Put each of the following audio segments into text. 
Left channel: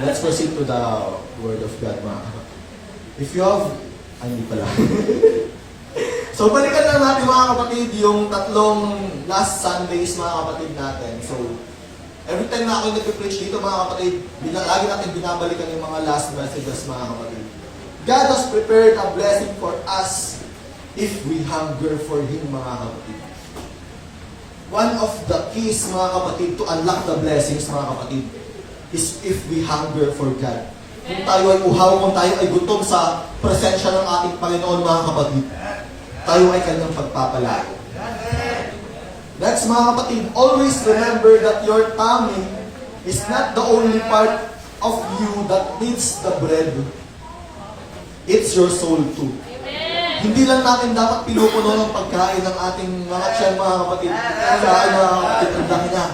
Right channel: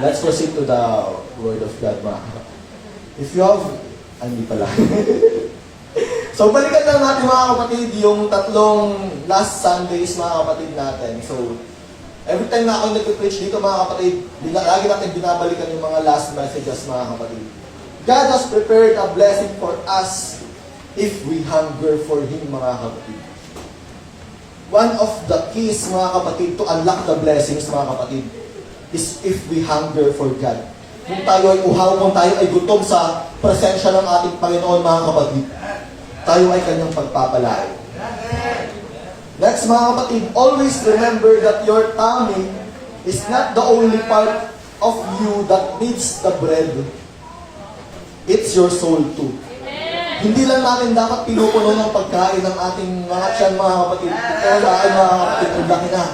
Let's proceed to the Word of God, mga kapatid. If you have, hindi pala. So, balikan lang natin, mga kapatid, yung tatlong last Sundays, mga kapatid natin. So, every time na ako nag-preach dito, mga kapatid, lagi natin binabalikan yung mga last messages, mga kapatid. God has prepared a blessing for us if we hunger for Him, mga kapatid. One of the keys, mga kapatid, to unlock the blessings, mga kapatid, is if we hunger for God. Kung tayo ay uhaw, kung tayo ay gutom sa presensya ng ating Panginoon, mga kapatid, tayo ay kanyang pagpapalain. That's, mga kapatid, always remember that your tummy is not the only part of you that needs the bread. It's your soul too. Hindi lang natin dapat pinupuno ng pagkain ng ating mga tiyan, mga kapatid. Kailangan, mga kapatid, ang laki na.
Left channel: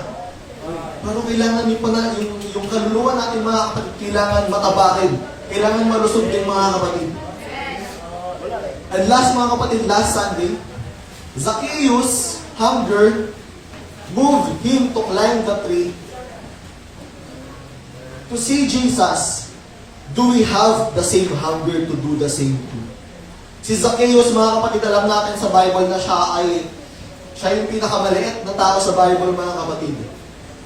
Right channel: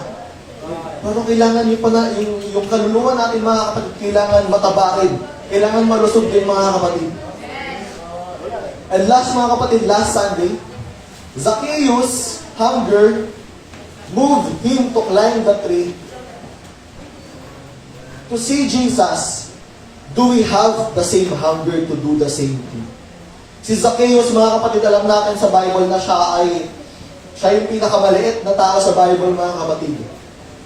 Pero kailangan nyo pala, yung kaluluwa natin, mga kapatid, kailangan matabarin. Kailangan malusog din, mga kapatid. And last, mga kapatid, last Sunday, Zacchaeus' hunger moved him to climb the tree to see Jesus. Do we have the same hunger to do the same thing? Si Zacchaeus, mga kapatid, alam natin sa Bible na siya yung pinakamaliit na tao sa Bible, mga kapatid.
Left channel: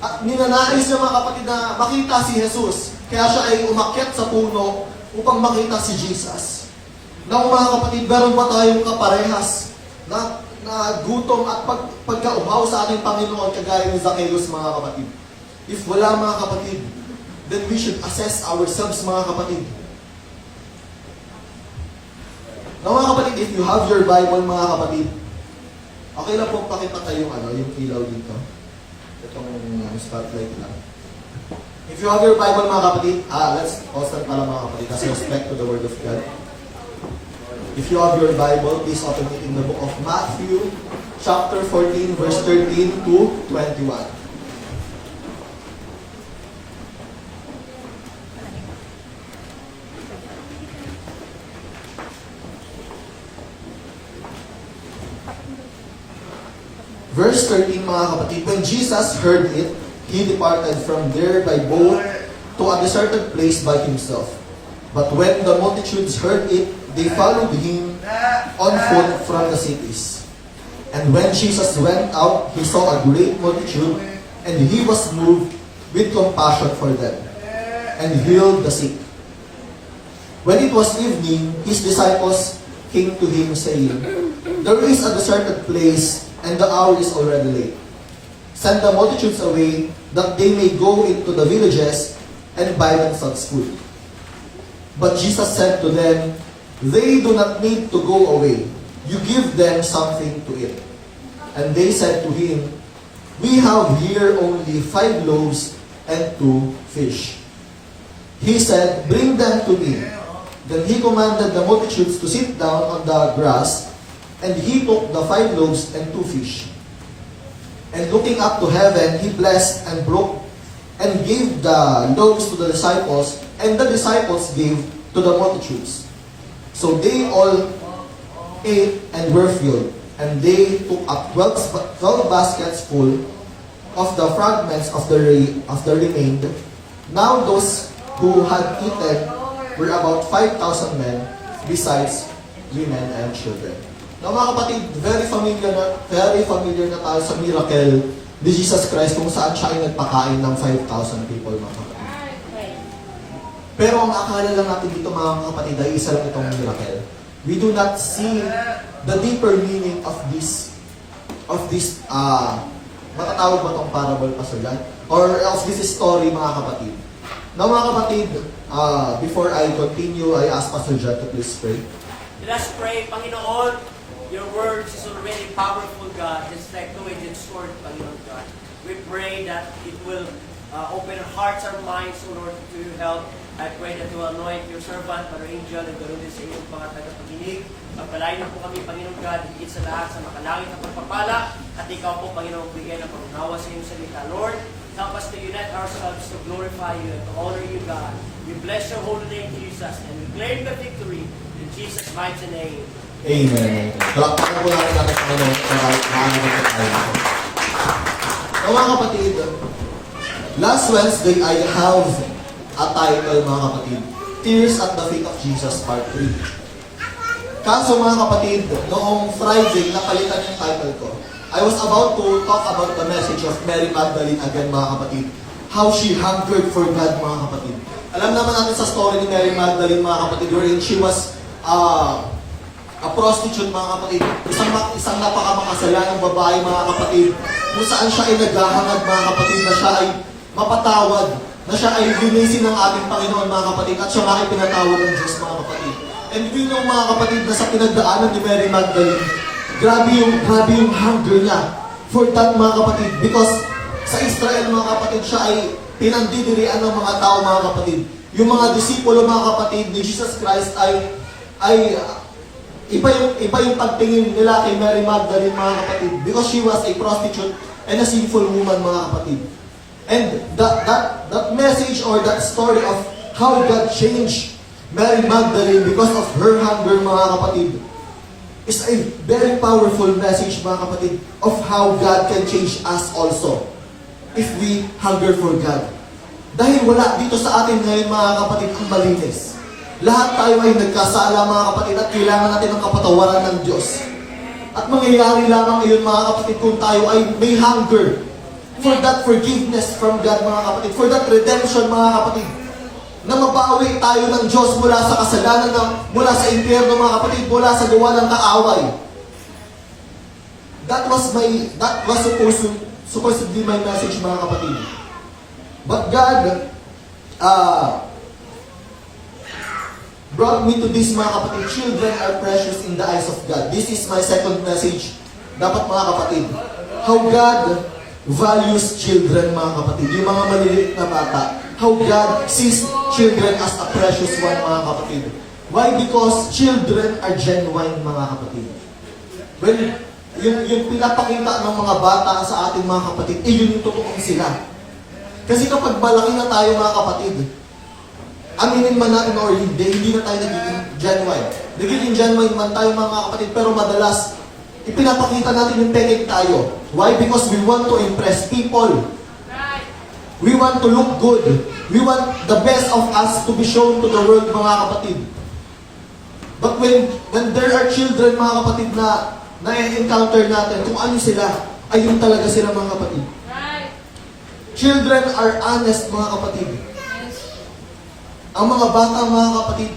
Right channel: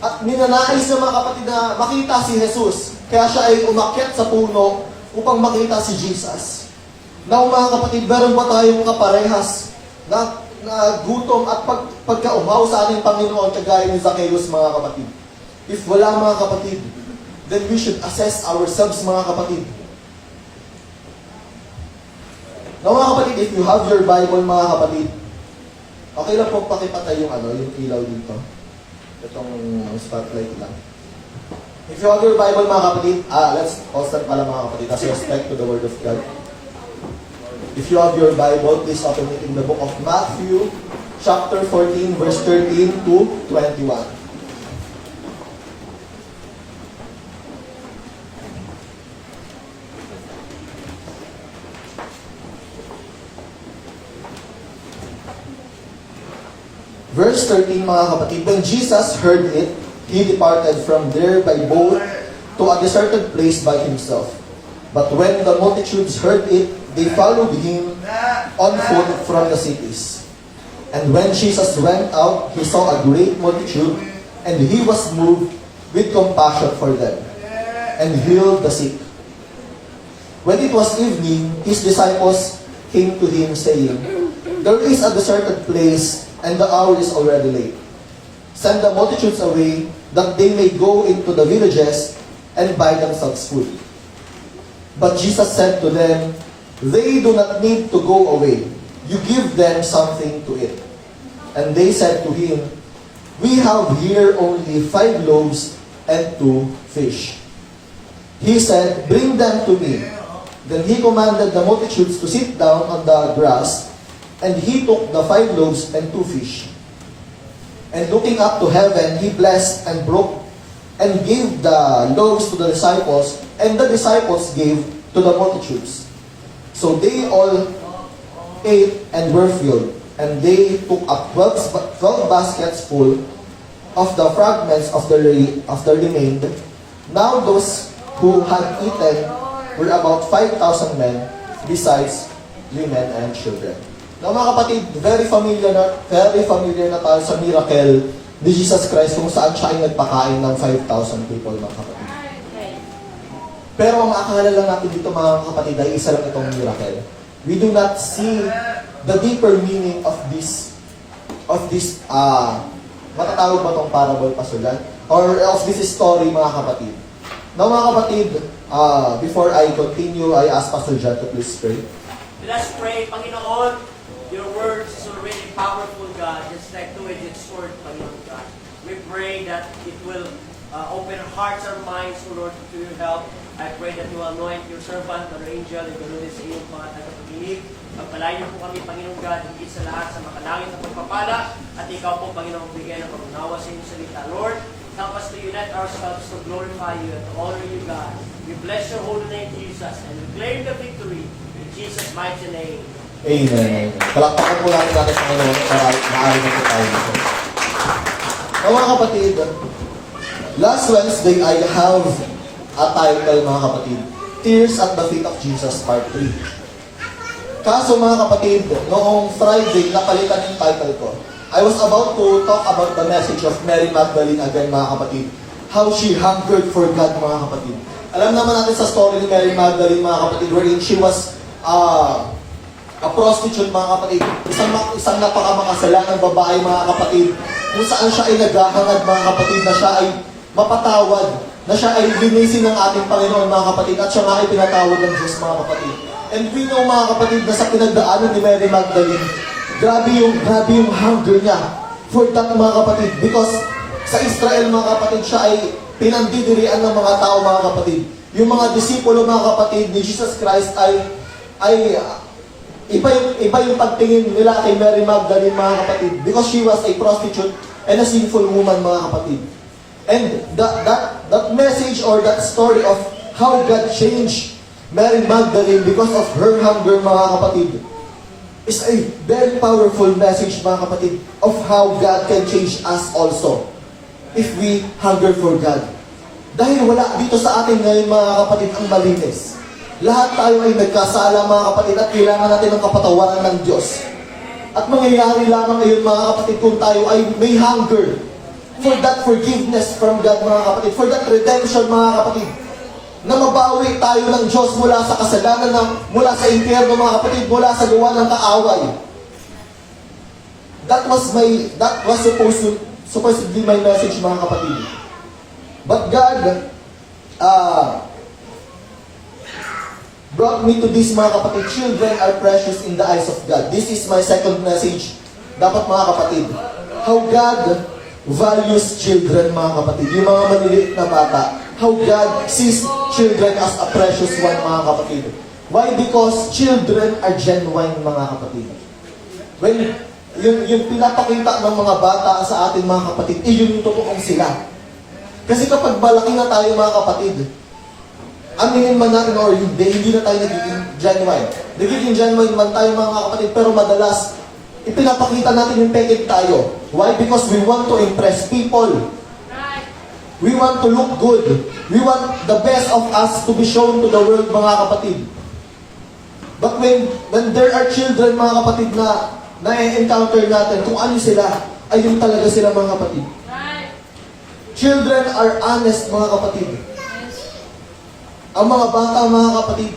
At ninanais niya, mga kapatid, na makita si Jesus. Kaya siya ay umakyat sa puno upang makita si Jesus. Now, mga kapatid, meron ba tayong kaparehas na gutom at pagkauhaw sa ating Panginoon kagaya ni Zacchaeus, mga kapatid? If wala, mga kapatid, then we should assess ourselves, mga kapatid. Now, mga kapatid, if you have your Bible, mga kapatid, okay lang po pakipatay yung ilaw dito. Itong spotlight lang. If you have your Bible, mga kapatid, let's start pala, mga kapatid, as respect to the Word of God. If you have your Bible, please open it in the book of Matthew, chapter 14, verse 13 to 21. Verse 13, mga kapatid, when Jesus heard it, He departed from there by boat to a deserted place by Himself. But when the multitudes heard it, they followed Him on foot from the cities. And when Jesus went out, He saw a great multitude, and He was moved with compassion for them, and healed the sick. When it was evening, His disciples came to Him, saying, there is a deserted place, and the hour is already late. Send the multitudes away, that they may go into the villages and buy themselves food. But Jesus said to them, they do not need to go away. You give them something to eat. And they said to Him, we have here only 5 loaves and 2 fish. He said, bring them to me. Then He commanded the multitudes to sit down on the grass, and He took the 5 loaves and 2 fish. And looking up to heaven, He blessed and broke and gave the loaves to the disciples, and the disciples gave to the multitudes. So they all ate and were filled, and they took up 12 baskets full of the fragments of the remained. Now those who had eaten were about 5,000 men, besides women and children. Now, mga kapatid, very familiar na tayo sa miracle ni Jesus Christ kung saan siya ay nagpakain ng 5,000 people, mga kapatid. Pero ang akala lang natin dito, mga kapatid, ay isa lang itong miracle. We do not see the deeper meaning of this matatawag ba itong parable, Pasulan? Or of this story, mga kapatid. Now, mga kapatid, before I continue, I ask Pastor John to please pray. Let us pray. Panginoon, your word is already powerful, God, just like two-edged sword, Panginoon God. We pray that it will open our hearts and minds, O Lord, to your help. I pray that you will anoint your servant, Brother Angel, and ganoon sa iyong mga tagapaginig. Magpalain niyo po kami, Panginoon God, higit sa lahat sa makalangit at pagpapala. At ikaw po, Panginoon, bigyan ng pagkunawa sa iyong salita. Lord, help us to unite ourselves to glorify you and to honor you, God. We bless your holy name, Jesus, and we claim the victory in Jesus' mighty name. Amen. Palakpakan po natin natin Panginoon para maaari na tayo nito. Mga kapatid, last Wednesday I have ang title mga kapatid, Tears at the Feet of Jesus Part 3. Kaso mga kapatid, noong Friday, napalitan yung title ko. I was about to talk about the message of Mary Magdalene again mga kapatid. How she hungered for God mga kapatid. Alam naman natin sa story ni Mary Magdalene mga kapatid, wherein she was a prostitute mga kapatid. Isang napakamakasalanang babae mga kapatid. Kung saan siya ay naghahangad mga kapatid na siya ay mapatawad. Na siya ay linisin ng ating Panginoon mga kapatid. At siya ay pinatawad ng Diyos mga kapatid. And we know mga kapatid na sa pinagdaanan ni Mary Magdalene, grabe yung hunger niya for that mga kapatid. Because sa Israel mga kapatid, siya ay pinandidirian ng mga tao mga kapatid. Yung mga disipulo mga kapatid ni Jesus Christ ay iba yung pagtingin nila kay Mary Magdalene mga kapatid. Because she was a prostitute and a sinful woman mga kapatid. And that message or that story of how God changed Mary Magdalene because of her hunger mga kapatid is a very powerful message mga kapatid of how God can change us also if we hunger for God. Dahil wala dito sa atin ngayon mga kapatid ang malinis. Lahat tayo ay nagkasala mga kapatid at kailangan natin ng kapatawaran ng Diyos. At mangyayari lamang ngayon mga kapatid kung tayo ay may hunger for that forgiveness from God mga kapatid, for that redemption mga kapatid, na mabawi tayo ng Diyos mula sa kasalanan, mula sa impyerno mga kapatid, mula sa gawa ng kaaway. That was supposed to be my message mga kapatid. But God brought me to this mga kapatid. Children are precious in the eyes of God. This is my second message. Dapat mga kapatid, how God values children mga kapatid. Yung mga maliliit na bata. How God sees children as a precious one mga kapatid. Why? Because children are genuine mga kapatid. When yung pinapakita ng mga bata sa ating mga kapatid, yun yung totoong sila. Kasi kapag malaki na tayo mga kapatid, aminin man natin or hindi na tayo nagiging genuine. Nagiging genuine man tayo mga kapatid, pero madalas, ipinapakita natin yung pekeg tayo. Why? Because we want to impress people. We want to look good. We want the best of us to be shown to the world mga kapatid. But when there are children mga kapatid na na-encounter natin, kung ano sila, ayun talaga sila mga kapatid. Children are honest mga kapatid. Ang mga bata mga kapatid,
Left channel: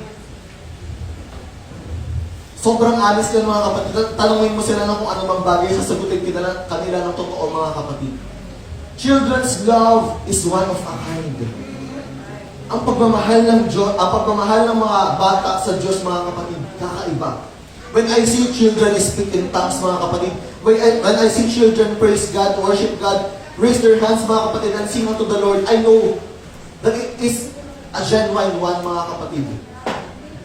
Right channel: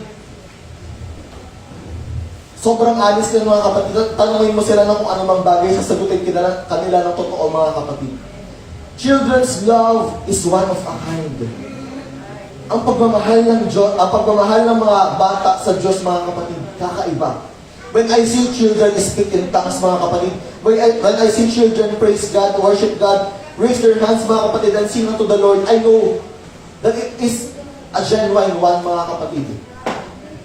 sobrang honest yan mga kapatid. Tanungin mo sila na kung ano mang bagay, sasagutin kanila ng totoo mga kapatid. Children's love is one of a kind. Ang pagmamahal ng mga bata sa Diyos mga kapatid, kakaiba. When I see children speak in tongues mga kapatid, when I see children praise God, worship God, raise their hands mga kapatid, and sing unto the Lord, I know that it is a genuine one mga kapatid.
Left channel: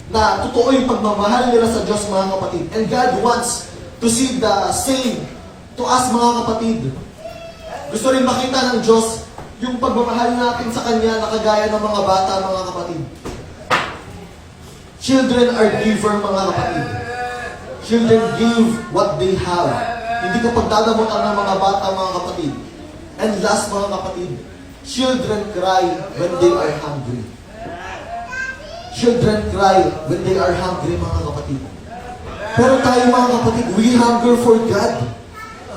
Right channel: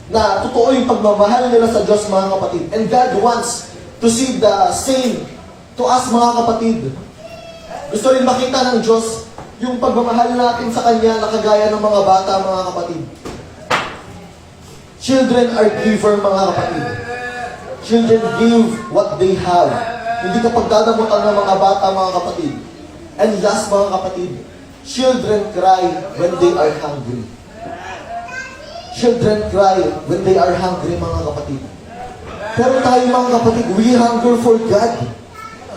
Na totoo yung pagmamahal nila sa Diyos mga kapatid. And God wants to see the same to us mga kapatid. Gusto rin makita ng Diyos yung pagmamahal natin sa Kanya na kagaya ng mga bata mga kapatid. Children are giver mga kapatid. Children give what they have. Hindi ka pagdadamutan ng mga bata mga kapatid. And last mga kapatid, children cry when they are hungry. Children cry when they are hungry mga kapatid. Pero tayo mga kapatid, we hunger for God.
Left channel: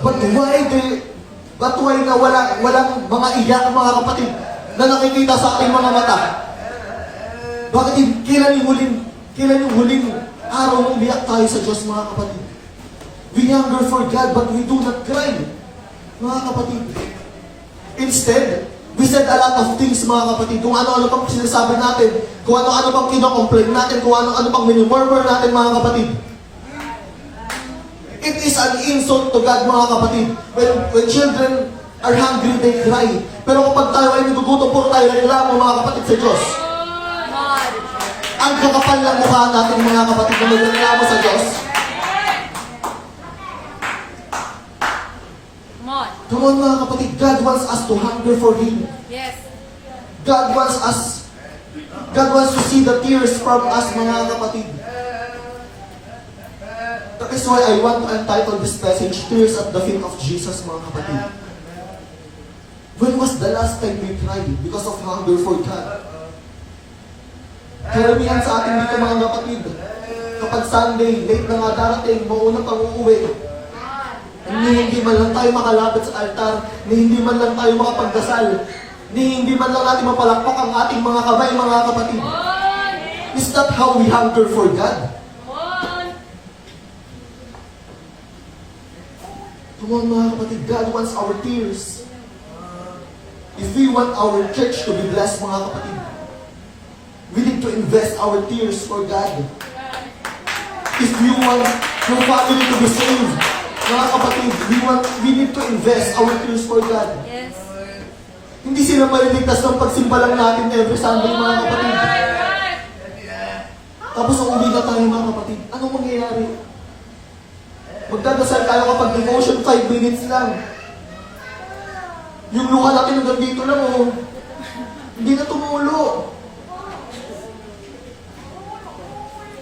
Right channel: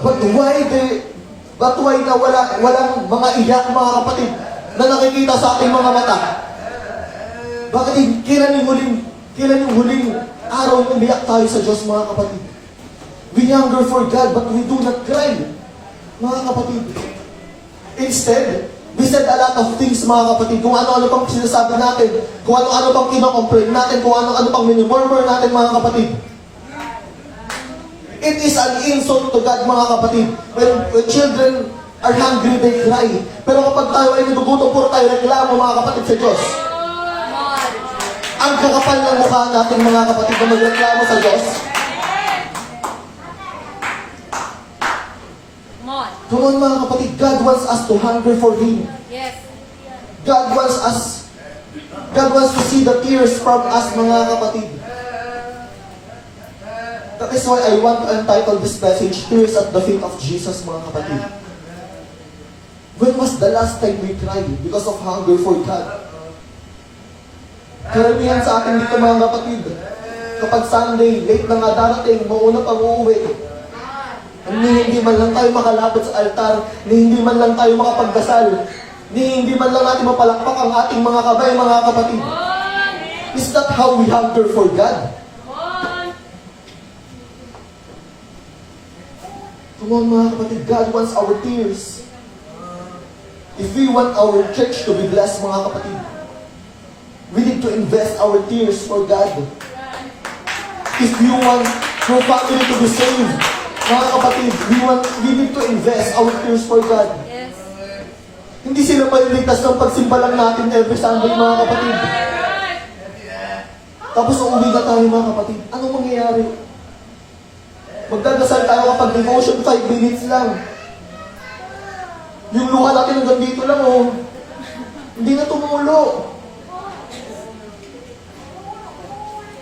But why na walang mga iyak mga kapatid na nakikita sa ating mga mata? Bakit kailan yung huling araw na umiyak tayo sa Diyos mga kapatid? We hunger for God but we do not cry mga kapatid. Instead, we said a lot of things mga kapatid. Kung ano-ano pang sinasabi natin, kung ano-ano pang kino-complain natin, kung ano-ano pang minumurmur natin mga kapatid. It is an insult to God mga kapatid. When children are hungry, they cry. Pero kapag tayo ay nagugutom po tayo, reklamo mga kapatid sa Diyos. Ang kakapal ng mukha natin mga kapatid na magreklamo sa Diyos. Come on mga kapatid, God wants us to hunger for Him. Yes. God wants to see the tears from us mga kapatid. That is why I want to entitle this message, Tears at the Feet of Jesus mga kapatid. When was the last time we cried because of hunger for God? Karamihan sa atin dito mga kapatid, kapag Sunday, late na nga darating, mauna pang uuwi. Hindi man lang tayo makalapit sa altar, hindi man lang tayo makapagdasal, hindi man lang natin mapalakpak ang ating mga kamay, mga kapatid. Is that how we hunger for God? Come on mga kapatid, God wants our tears. If we want our church to be blessed mga kapatid, we need to invest our tears for God. If we want your family to be saved, mga kapatid, we need to invest our tears for God. Yes. Hindi sila maliligtas ng pagsimba lang natin every Sunday, mga kapatid. Tapos uuwi na tayo, mga kapatid. Ano mangyayari? Magdadasal tayo kapag devotion 5 minutes lang. Yung luha natin hanggang dito lang, oh. Hindi na tumulo.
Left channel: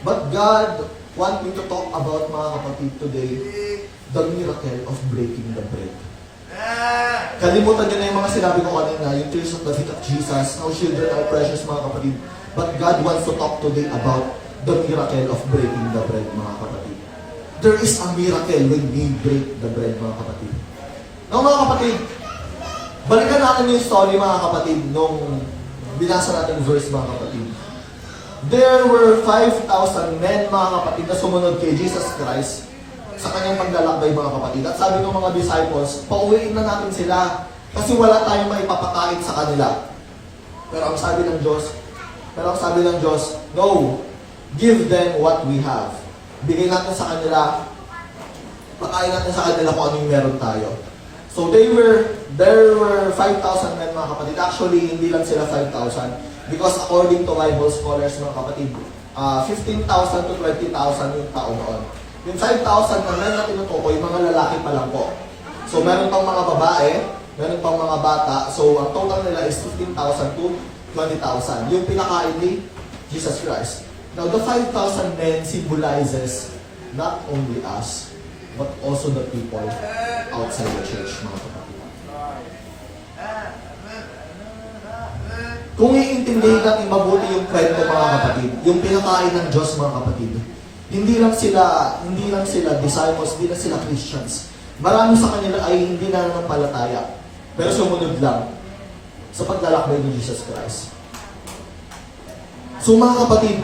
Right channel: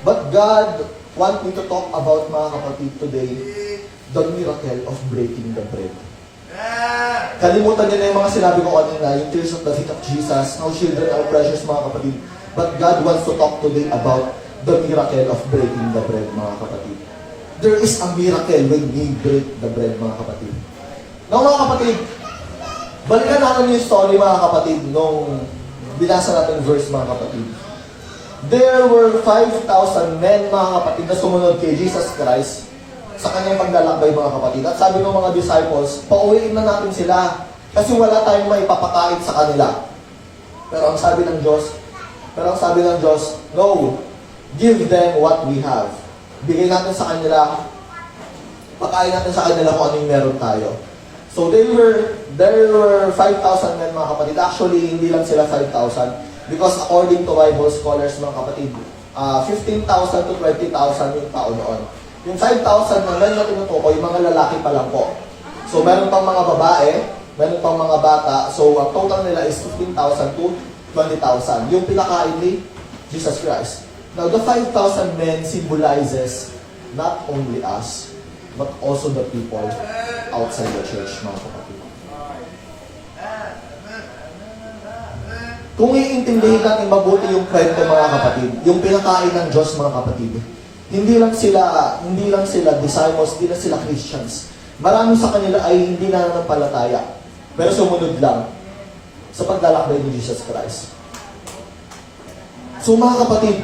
But God wanting to talk about, mga kapatid, today, the miracle of breaking the bread. Kalimutan nyo na yung mga sinabi ko kanina, yung tears of the feet of Jesus, no children are precious, mga kapatid. But God wants to talk today about the miracle of breaking the bread, mga kapatid. There is a miracle when we break the bread, mga kapatid. No, mga kapatid, balikan natin yung story, mga kapatid, nung binasa natin verse, mga kapatid. There were 5,000 men, mga kapatid, na sumunod kay Jesus Christ sa kanyang paglalakbay, mga kapatid. At sabi ng mga disciples, pauwiin na natin sila kasi wala tayong maipapakain sa kanila. Pero ang sabi ng Diyos, no, give them what we have. Bigay natin sa kanila, pakain natin sa kanila kung anong meron tayo. So there were 5,000 men, mga kapatid. Actually, hindi lang sila 5,000. Because according to Bible scholars, mga kapatid, 15,000 to 20,000 yung tao noon. Yung 5,000 na men na tinutukoy, mga lalaki pa lang po. So meron pang mga babae, meron pang mga bata. So ang total nila is 15,000 to 20,000. Yung pinakain ni Jesus Christ. Now the 5,000 men symbolizes not only us, but also the people outside the church, mga kapatid. Kung iintindihin natin mabuti yung kwento, mga kapatid, yung pinakain ng Diyos, mga kapatid, hindi lang sila disciples, hindi lang sila Christians. Marami sa kanila ay hindi na nanampalataya, pero sumunod lang sa paglalakbay ni Jesus Christ. So mga kapatid,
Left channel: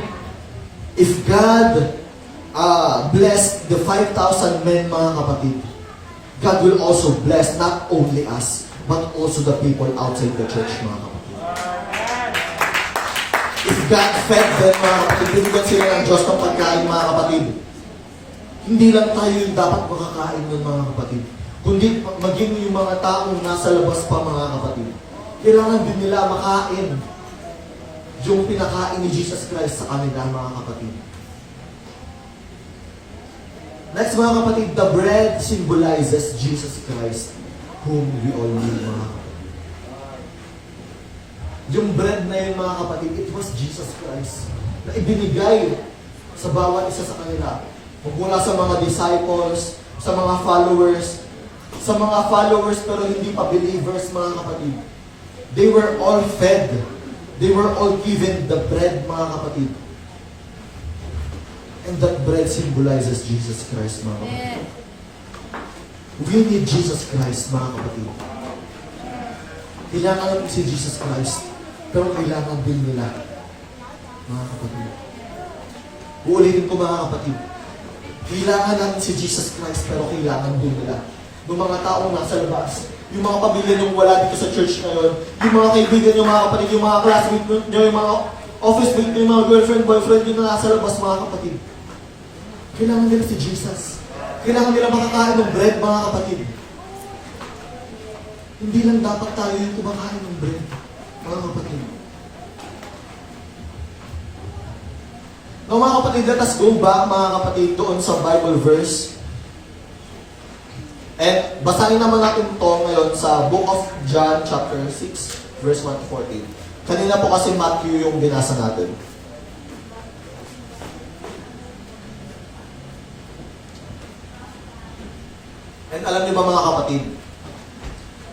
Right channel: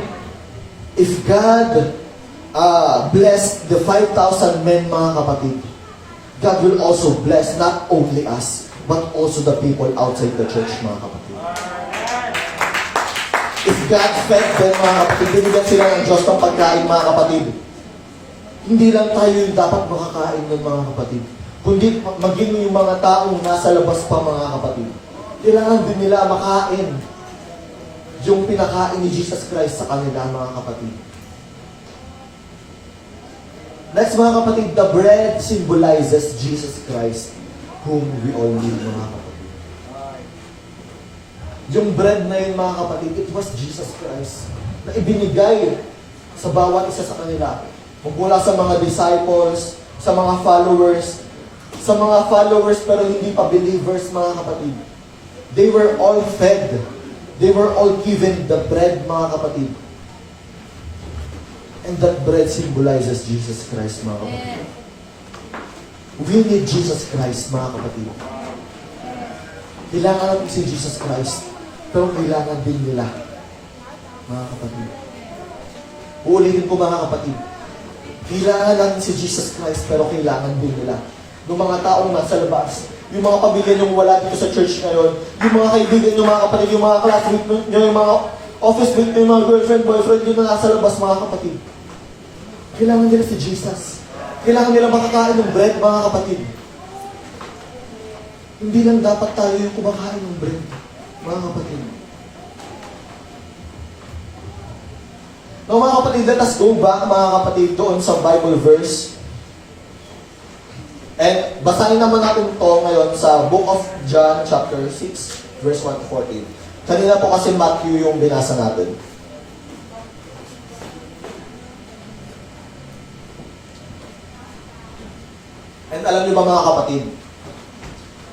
if God blessed the 5,000 men, mga kapatid, God will also bless not only us, but also the people outside the church, mga kapatid. If God fed them, mga kapatid, binigyan sila ng Diyos ng pagkain, mga kapatid, hindi lang tayo yung dapat makakain nun, mga kapatid, kundi maging yung mga taong nasa labas pa, mga kapatid. Kailangan din nila makain yung pinakain ni Jesus Christ sa kanila, mga kapatid. Next, mga kapatid, the bread symbolizes Jesus Christ, whom we all need, mga kapatid. Yung bread na yun, mga kapatid, it was Jesus Christ na ibinigay sa bawat isa sa kanila. Magmula sa mga disciples, sa mga followers pero hindi pa believers, mga kapatid. They were all fed. They were all given the bread, mga kapatid. And that bread symbolizes Jesus Christ, mga kapatid. We need Jesus Christ, mga kapatid. Kailangan natin si Jesus Christ. Pero kailangan din nila, mga kapatid. Uulitin ko, mga kapatid. Kailangan natin si Jesus Christ, pero kailangan din nila. Yung mga taong nasa labas, yung mga pamilya nyo wala dito sa church ngayon, yung mga kaibigan nyo, mga kapatid, yung mga classmate nyo, yung mga office mate nyo, yung mga girlfriend, boyfriend nyo na nasa labas, mga kapatid. Kailangan nila si Jesus. Kailangan nila makakain ng bread, mga kapatid. Hindi lang dapat tayo yung kumakain ng bread, mga kapatid. Now, mga kapatid, let us go back, mga kapatid, doon sa Bible verse. And basahin naman natin ito ngayon sa Book of John, chapter 6, verse 1 to 14. Kanina po kasi Matthew yung binasa natin. And alam niyo ba, mga kapatid,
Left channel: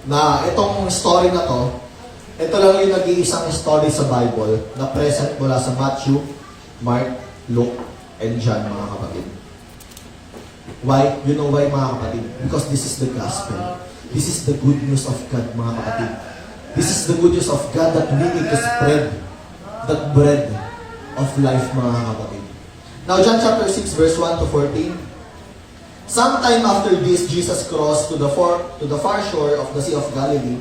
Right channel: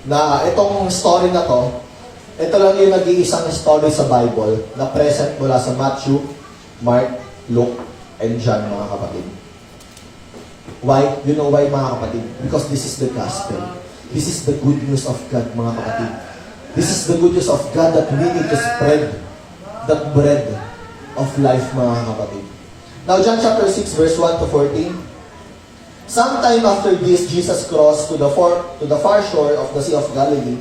na itong story na to, Ito lang yung nag-iisang story sa Bible na present mula sa Matthew, Mark, Luke, and John, mga kapatid. Why? You know why, mga kapatid? Because this is the gospel. This is the good news of God, mga kapatid. This is the good news of God that we need to spread that bread of life, mga kapatid. Now, John chapter 6, verse 1 to 14. Sometime after this, Jesus crossed to the far shore of the Sea of Galilee,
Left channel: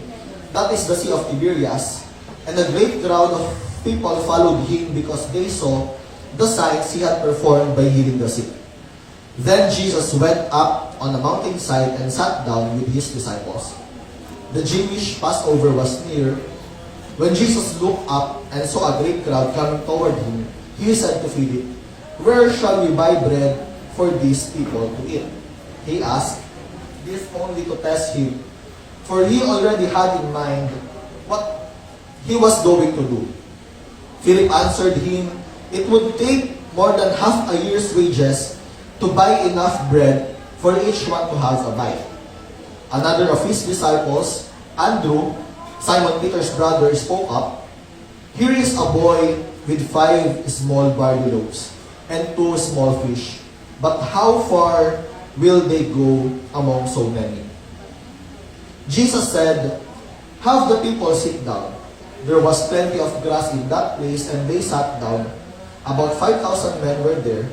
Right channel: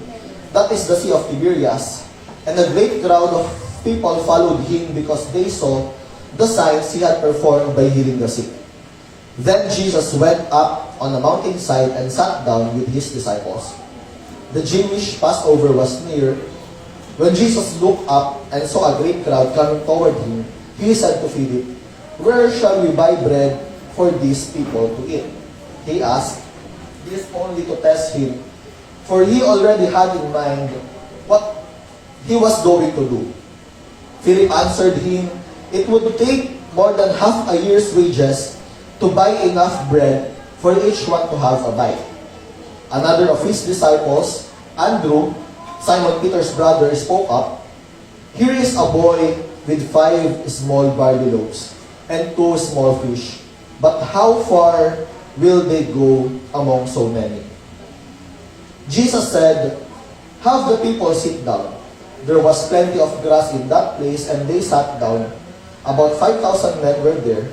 that is the Sea of Tiberias, and a great crowd of people followed him because they saw the signs he had performed by healing the sick. Then Jesus went up on the mountainside and sat down with his disciples. The Jewish Passover was near. When Jesus looked up and saw a great crowd coming toward him, he said to Philip, "Where shall we buy bread for these people to eat?" He asked this only to test him, for he already had in mind what he was going to do. Philip answered him, "It would take more than half a year's wages to buy enough bread for each one to have a bite." Another of his disciples, Andrew, Simon Peter's brother, spoke up, "Here is a boy with 5 small barley loaves and 2 small fish. But how far will they go among so many?" Jesus said, "Have the people sit down." There was plenty of grass in that place, and they sat down. About 5,000 men were there.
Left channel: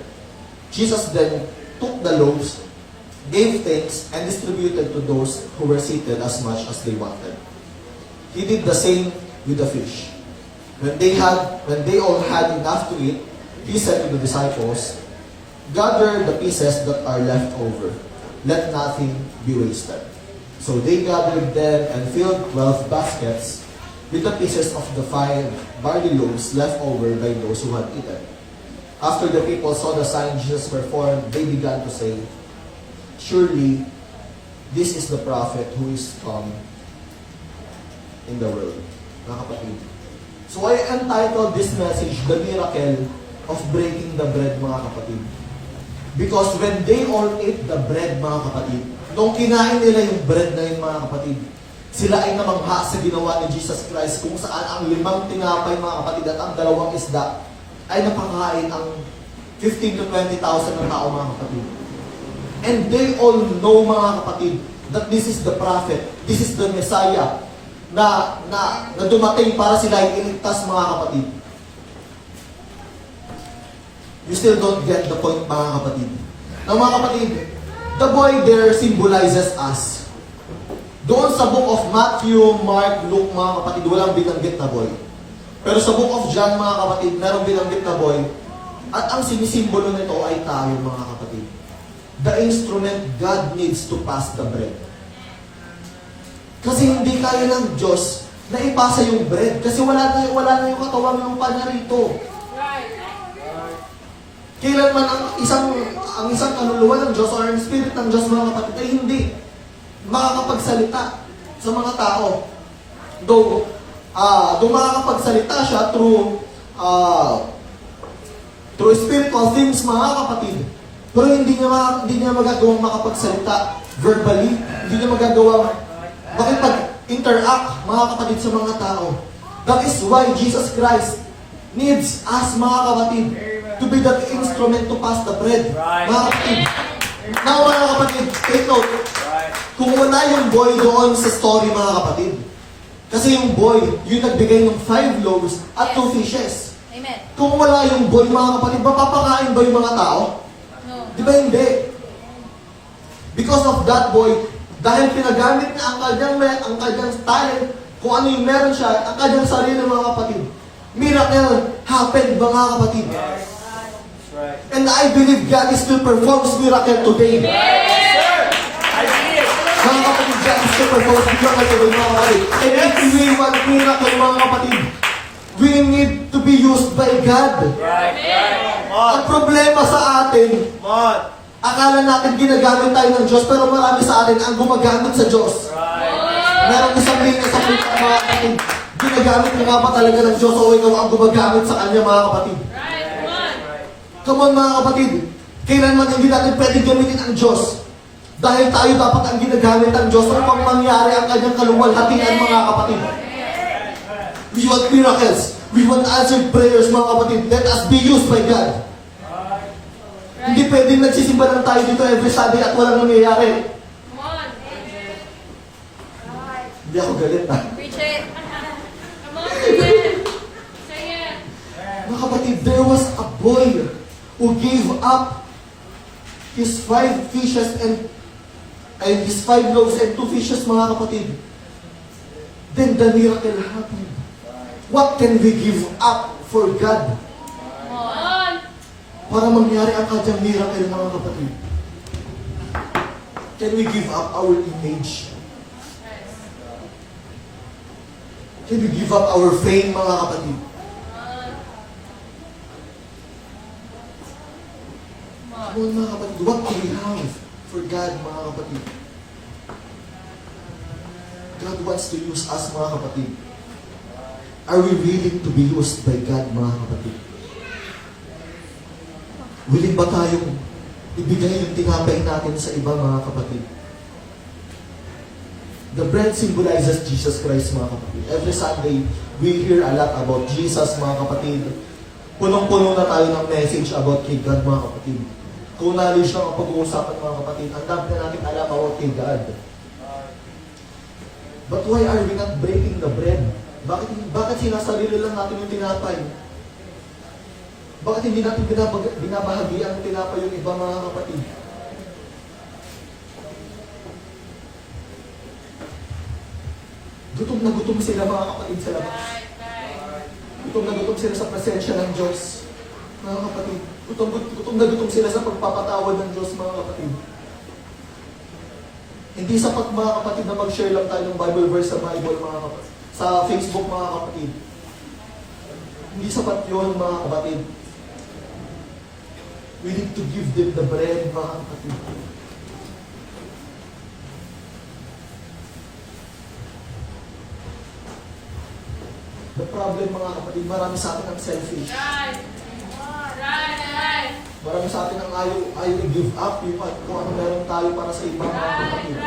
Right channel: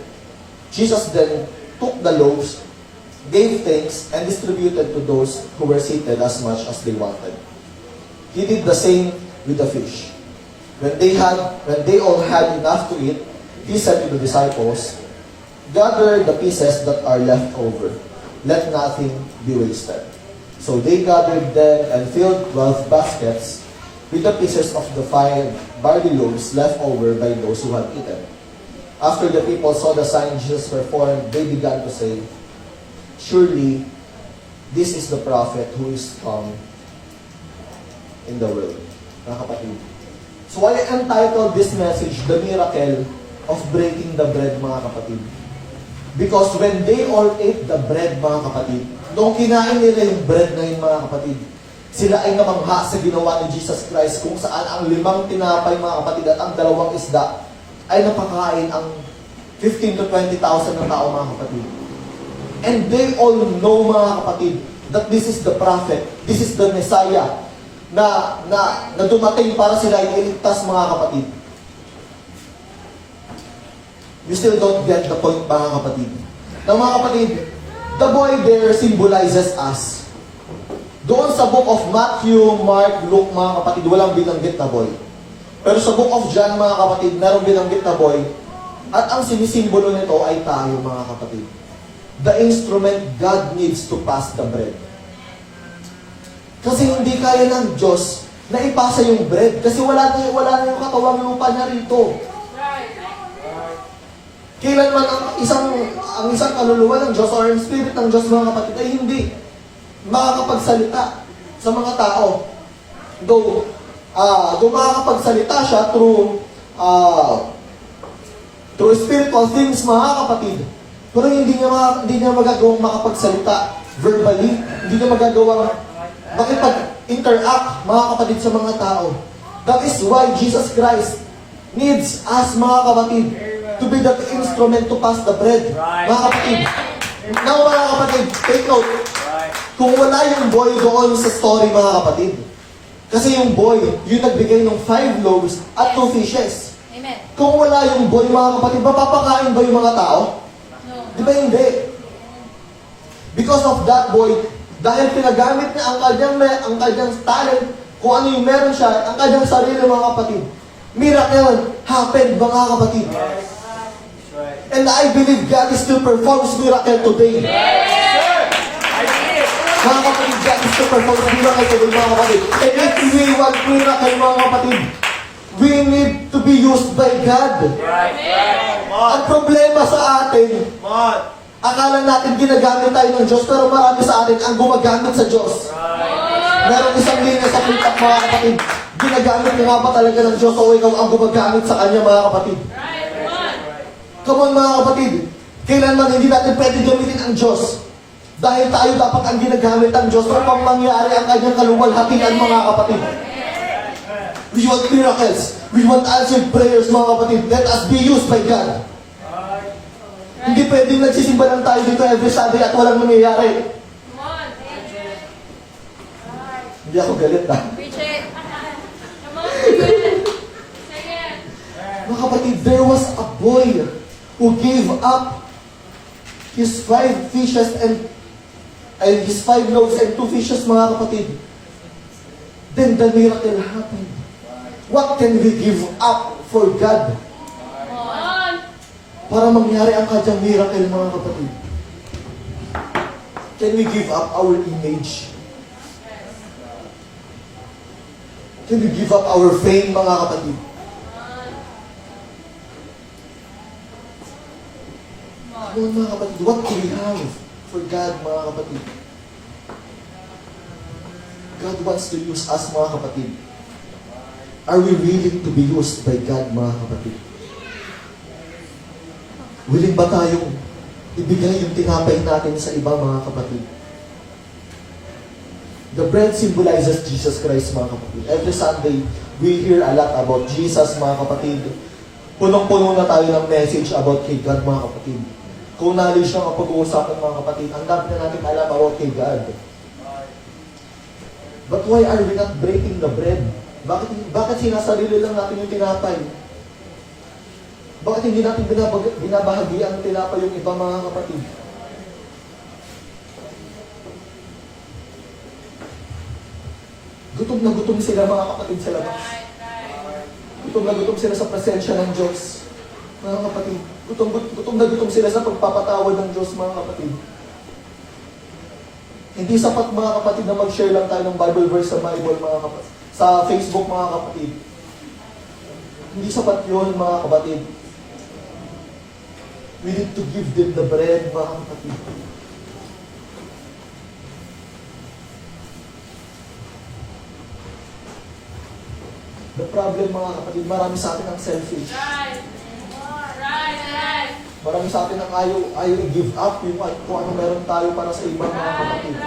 Jesus then took the loaves, gave thanks, and distributed to those who were seated as much as they wanted. He did the same with the fish. When they all had enough to eat, he said to the disciples, "Gather the pieces that are left over. Let nothing be wasted." So they gathered them and filled 12 baskets with the pieces of the 5 barley loaves left over by those who had eaten. After the people saw the sign Jesus performed, they began to say, "Surely, this is the prophet who is come in the world." Mga kapatid. So I entitled this message, "The Miracle of Breaking the Bread," mga kapatid. Because when they all ate the bread, mga kapatid, nung kinain nila yung bread na yun, mga kapatid, sila ay namangha sa ginawa ni Jesus Christ kung saan ang 5 tinapay, mga kapatid, at ang 2 isda ay napakain ang 15 to 20,000 na tao, mga kapatid. And they all know, mga kapatid, that this is the prophet, this is the Messiah, na dumating para sila ay iligtas, mga kapatid. You still don't get the point, mga kapatid. Now, mga kapatid, the boy there symbolizes us. Doon sa book of Matthew, Mark, Luke, mga kapatid, walang binanggit na boy. Pero sa book of John, mga kapatid, merong binanggit na boy. At ang sinisimbolo nito ay tayo, mga kapatid. The instrument God needs to pass the bread. Kasi hindi kaya ng Diyos na ipasa yung bread. Kasi wala na yung katawang lupa niya rito. Kailanman ang isang kaluluwa ng Diyos or ang spirit ng Diyos, mga kapatid, ay hindi makakapagsalita sa mga tao. Though makakapagsalita siya through spiritual things, mga kapatid. Pero hindi niya magagawang makapagsalita verbally. Hindi niya magagawang makipag-interact, mga kapatid, sa mga tao. That is why Jesus Christ needs us, mga kapatid, to be that instrument to pass the bread. Mga kapatid. Now, mga kapatid, take note. Kung wala yung boy doon sa story, mga kapatid. Kasi yung boy, yung nagbigay ng 5 loaves at 2 fishes. Amen. Kung wala yung boy, mga kapatid, mapapakain ba yung mga tao? No. Di ba hindi? Because of that boy, dahil pinagamit niya ang kanyang talent, kung ano yung meron siya, ang kanyang sarili, mga kapatid. Miracle happened, mga kapatid. And I believe God is still performs miracle today. Mga kapatid, God is still performs miracle today, mga kapatid. And if we want miracle, mga kapatid, we need to be used by God. Ang problema sa atin, akala natin ginagamit tayo ng Diyos, pero marami sa atin ang gumagamit sa Diyos. Meron isang linya sa litak, mga kapatid. Ginagamit mo nga ba talaga ng Diyos o ikaw ang gumagamit sa Kanya, mga kapatid? Come on, mga kapatid. Kailanman hindi natin pwede gamitin ang Diyos. Dahil tayo dapat ang ginagamit ng Diyos upang mangyari ang Kanyang kaluwalhatian, mga kapatid. We want miracles. We want answered prayers, mga kapatid. Let us be used by God. Hindi pwedeng nagsisimba lang tayo dito every Sunday at walang nangyayari. Hindi ako galit, ha? Mga kapatid, there was a boy who gave up his 5 fishes and his 5 loaves and 2 fishes, mga kapatid. Then the miracle happened. What can we give up for God? Para mangyari ang kanyang miracle, mga kapatid. Can we give up our image? Can we give up our fame, mga kapatid? Mga kapatid, what do we have for God, mga kapatid? God wants to use us, mga kapatid. Are we willing to be used by God, mga kapatid? Willing ba tayong ibigay yung tinapay natin sa iba, mga kapatid? The bread symbolizes Jesus Christ, mga kapatid. Every Sunday, we hear a lot about Jesus, mga kapatid. Punong-puno na tayo ng message about kay God, mga kapatid. Kung knowledge lang ang pag-uusapan, mga kapatid, ang dami na natin alam about kay God. But why are we not breaking the bread? Bakit sinasarili lang natin yung tinapay? Bakit hindi natin binabahagi ang tinapay yung iba, mga kapatid? Gutom na gutom sila, mga kapatid, sa labas. Gutom na gutom sila sa presensya ng Diyos, mga kapatid. Gutom na gutom sila sa pagpapatawad ng Diyos, mga kapatid. Hindi sapat, mga kapatid, na mag-share lang tayo ng Bible verse sa Bible, mga kapatid. Sa Facebook, mga kapatid. Hindi sapat yun, mga kapatid. We need to give them the bread, mga kapatid. The problem, mga kapatid, marami sa atin ang selfish. Marami sa atin ang ayaw i-give up yung kung ano meron tayo para sa ibang, mga kapatid.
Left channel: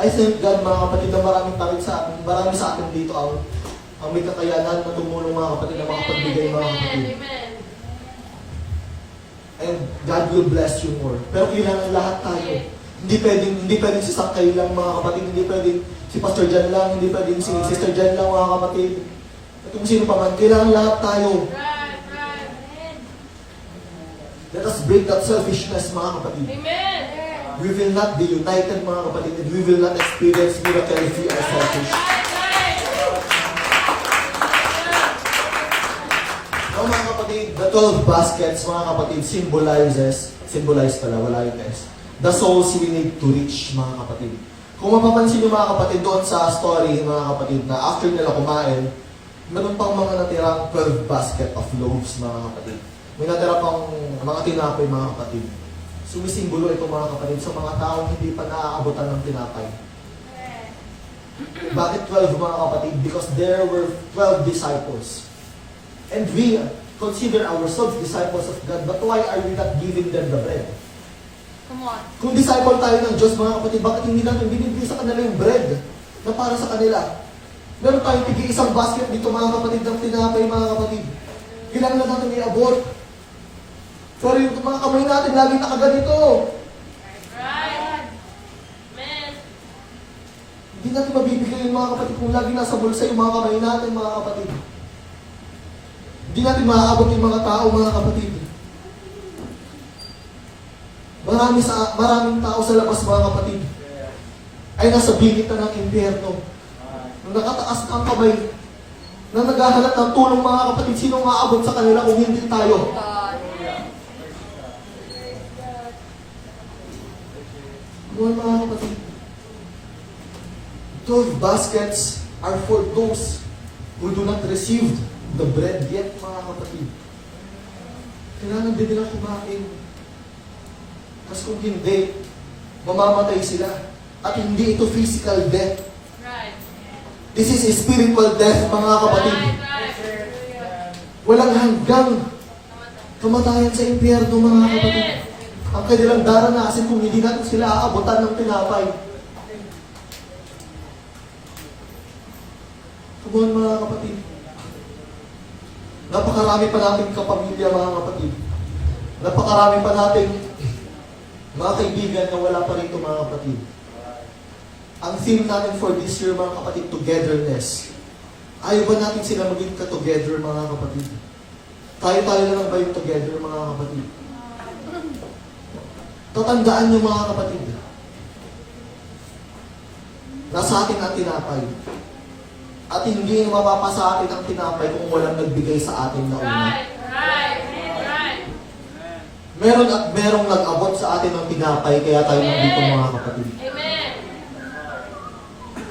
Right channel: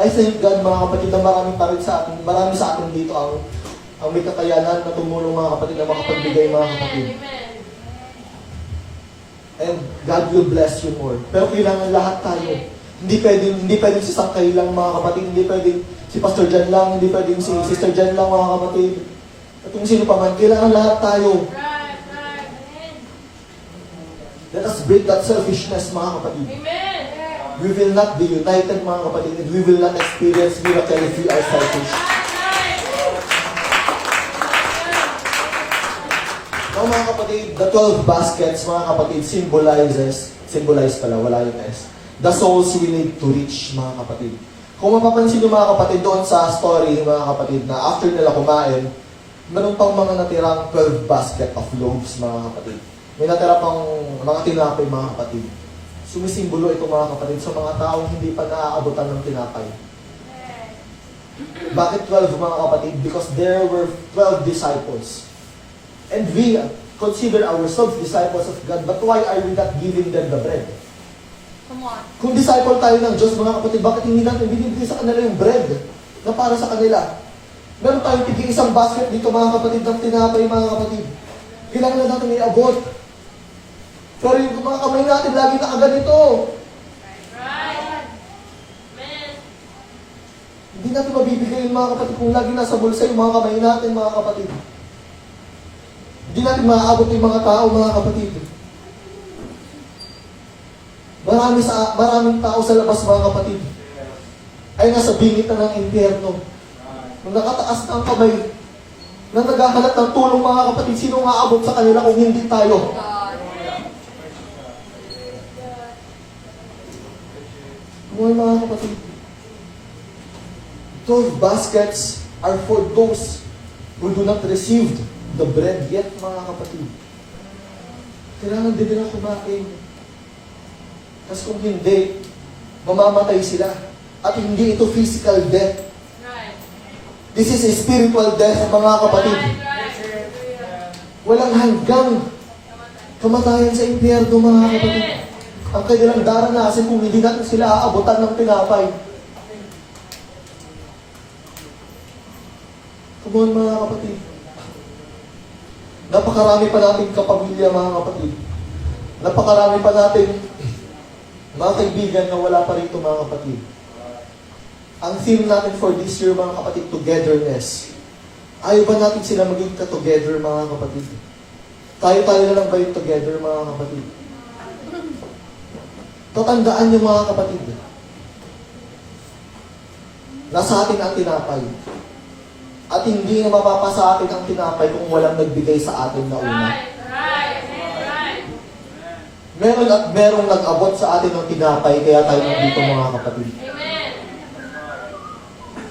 I thank God, mga kapatid, na marami sa atin dito ang may kakayanan na tumulong, mga kapatid, na makapagbigay, mga kapatid. And God will bless you more. Pero kailangan lahat tayo. Hindi pwedeng si Sakay lang, mga kapatid. Hindi pwedeng si Pastor Jan lang. Hindi pwedeng si Sister Jan lang, mga kapatid. At kung sino pa man, kailangan lahat tayo. Let us break that selfishness, mga kapatid. We will not be united, mga kapatid, and we will not experience miracle if we are selfish. Mga kapatid, the 12 baskets, mga kapatid, symbolize pala, wala yung S. The souls we need to reach, mga kapatid. Kung mapapansin nyo, mga kapatid, doon sa story, mga kapatid, na after nila kumain, meron pang mga natirang 12 basket of loaves, mga kapatid. May natira pang mga tinapay, mga kapatid. Sumisimbolo ito, mga kapatid, sa mga taong hindi pa naaabutan ng tinapay. Bakit 12, mga kapatid? Because there were 12 disciples. And we consider ourselves disciples of God, but why are we not giving them the bread? Come on. Kung disciple tayo ng Diyos, mga kapatid, bakit hindi natin binibigay sa kanila yung bread na para sa kanila? Meron tayong tig-isang basket dito, mga kapatid, ng tinapay, mga kapatid. Kailangan na natin i-abot. Pero yung mga kamay natin, lagi nakaganito. Right. Amen. Hindi natin mabibigay yung mga kapatid kung lagi nasa bulsa yung mga kamay natin, mga kapatid. Hindi natin maaabot yung mga tao, mga kapatid. Maraming tao sa labas, mga kapatid, ay nasa bingit na ng impyerno. Nung nakataas na ang kamay, nang naghahanap ng tulong, mga kapatid, sino maaabot sa kanila kung hindi tayo? Mga kapatid, 12 baskets are for those who do not receive the bread yet, mga kapatid. Kailangan din nila kumain. Kasi kung hindi, mamamatay sila. At hindi ito physical death. Right. This is a spiritual death, mga kapatid. Walang hanggang kamatayan sa impyerno, mga kapatid. Ang kanilang daranasin kung hindi natin sila aabutan ng tinapay. Come on mga kapatid. Napakarami pa nating kapamilya mga kapatid. Napakarami pa nating mga kaibigan na wala pa rito mga kapatid. Ang theme natin for this year mga kapatid, togetherness. Ayaw ba natin sila maging together mga kapatid? Tayo-tayo lang ba yung together mga kapatid? Tatandaan niyo mga kapatid. Nasa atin ang tinapay. At hindi na mapapasa atin ang tinapay kung walang nagbigay sa atin na una. Right. Meron at merong nag-abot sa atin ng tinapay, kaya tayo nandito mga kapatid. Amen.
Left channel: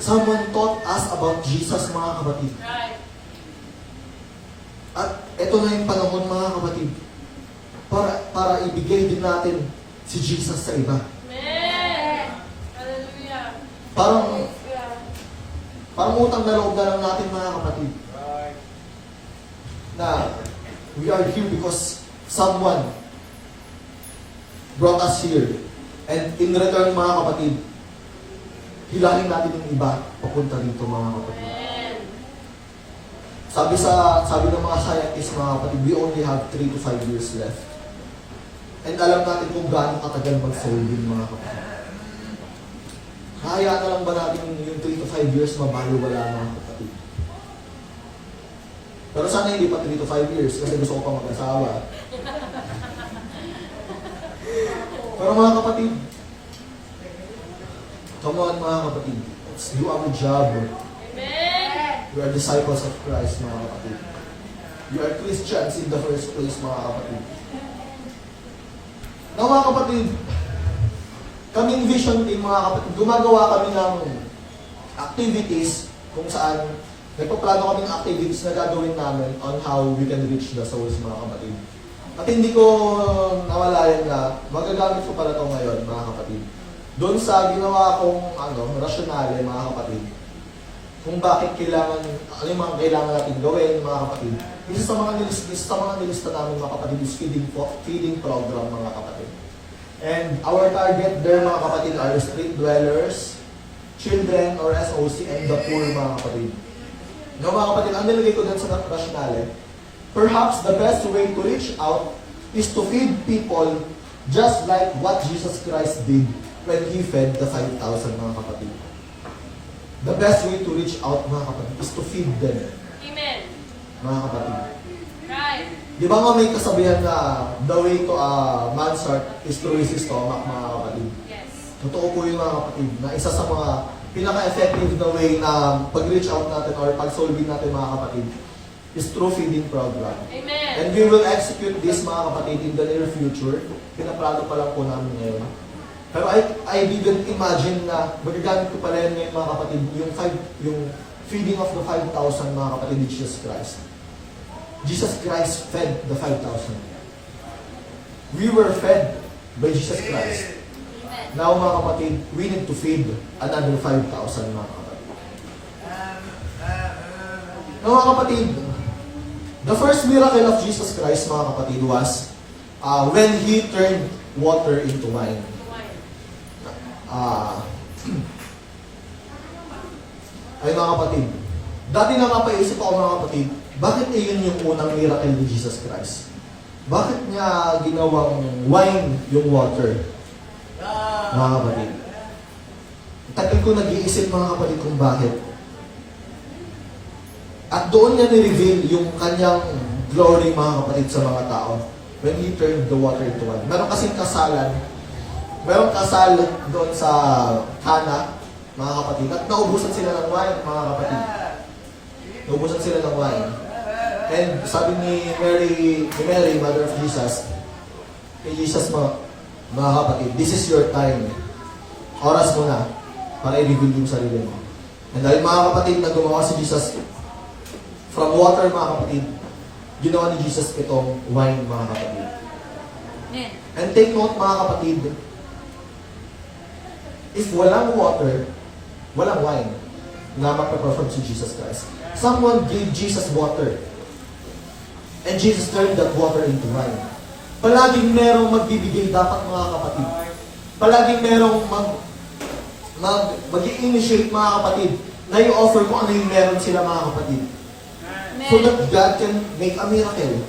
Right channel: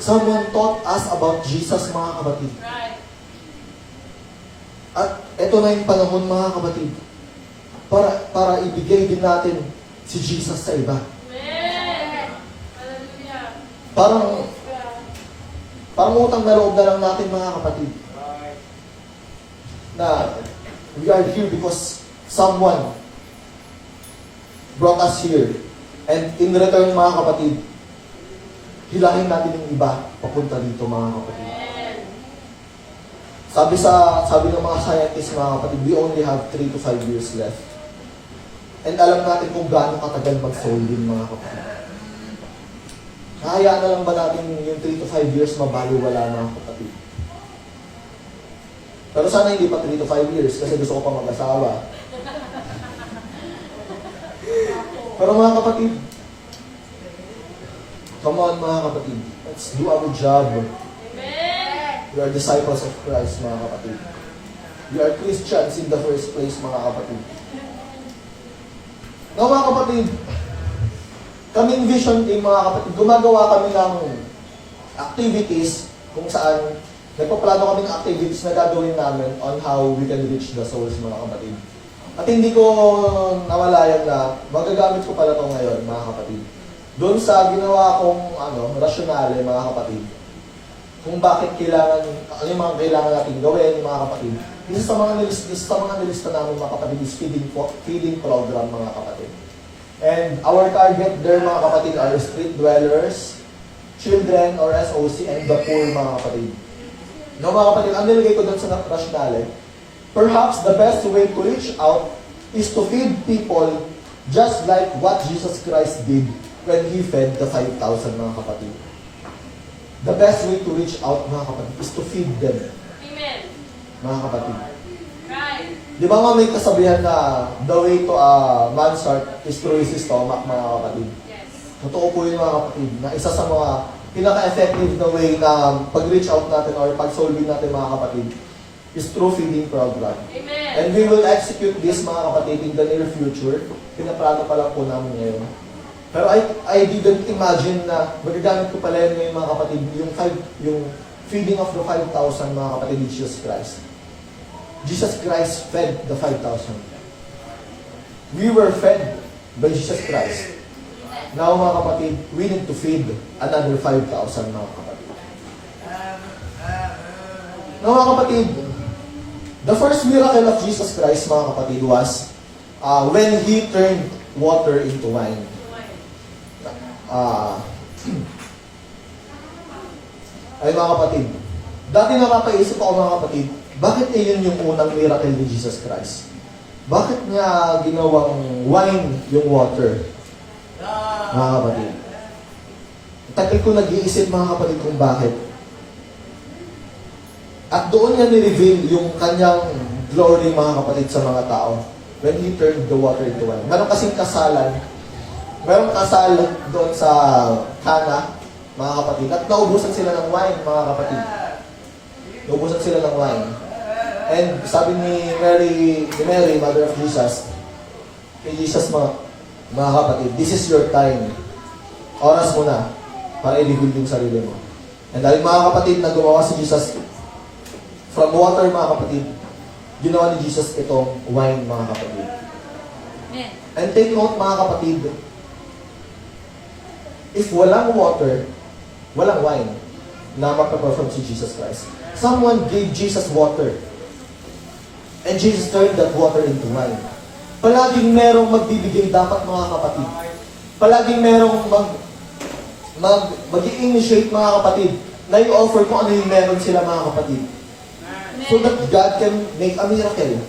Someone taught us about Jesus mga kapatid. Right. At ito na yung panahon mga kapatid. Para ibigay din natin si Jesus sa iba. Amen. Hallelujah. Parang utang na loob na lang natin mga kapatid. Na we are here because someone brought us here. And in return mga kapatid, hilahin natin yung iba papunta dito mga kapatid. Amen. Sabi ng mga scientists mga kapatid, we only have 3 to 5 years left. And alam natin kung gaano katagal mag-serving mga kapatid. Hayaan na lang ba natin yung 3 to 5 years mabaliwala mga kapatid? Pero sana hindi pa 3 to 5 years kasi gusto ko pa mag-asawa. Pero mga kapatid, come on mga kapatid, let's do our job. Amen. We are disciples of Christ mga kapatid. You are Christians in the first place mga kapatid. Now mga kapatid, kaming vision team mga kapatid, gumagawa kami ng activities kung saan nagpaplano kaming activities na gagawin namin on how we can reach the souls mga kapatid. At hindi ko nawalayan na magagamit ko pala ito ngayon mga kapatid. Doon sa ginawa kong rasyonale mga kapatid, kung bakit kailangan, ano yung mga kailangan natin gawin mga kapatid. Isa sa mga nilista namin mga kapatid is feeding program mga kapatid. And our target there mga kapatid are street dwellers, children or SOC, and the poor mga kapatid. Now mga kapatid, ang nilagay ko dun sa rationale, perhaps the best way to reach out is to feed people just like what Jesus Christ did when He fed the 5,000 mga kapatid. The best way to reach out mga kapatid is to feed them Amen. mga kapatid. Right. Di ba nga may kasabihan na the way to a man's heart is through his stomach mga kapatid? Yes. Totoo po yun mga kapatid, na isa sa mga pinaka-effective na way na pag-reach out natin or pag-solving natin mga kapatid is through feeding program. Amen. And we will execute this mga kapatid in the near future. Pinaplano pa lang po namin ngayon. Pero I didn't imagine na magagamit ko pala yun ngayon mga kapatid, yung feeding of the 5,000 mga kapatid ni Jesus Christ. Jesus Christ fed the 5,000. We were fed by Jesus Christ. Now mga kapatid, we need to feed another 5,000 mga kapatid. Now mga kapatid, the first miracle of Jesus Christ mga kapatid was when He turned water into wine. Ay mga kapatid, dati napapaisip ako mga kapatid, bakit iyon yung unang miracle ni Jesus Christ? Bakit niya ginawang wine yung water? Mga kapatid. Tagal ko nag-iisip mga kapatid kung bakit. At doon niya ni-reveal yung kanyang glory mga kapatid sa mga tao when He turned the water into wine. Meron kasing kasalan. Meron kasal doon sa Cana, mga kapatid. At naubusan sila ng wine, mga kapatid. Naubusan sila ng wine. And sabi ni Mary, Mother of Jesus, kay Jesus mo, mga kapatid, this is your time. Oras mo na para i-reveal yung sarili mo. And dahil mga kapatid, na gumawa si Jesus from water, mga kapatid, ginawa ni Jesus itong wine, mga kapatid. And take note, mga kapatid, if walang water, walang wine na magpaperform si Jesus Christ. Someone gave Jesus water. And Jesus turned that water into wine. Palaging merong magbibigay dapat mga kapatid. Palaging merong mag-i-initiate mga kapatid na i-offer kung ano yung meron sila mga kapatid. So that God can make a miracle.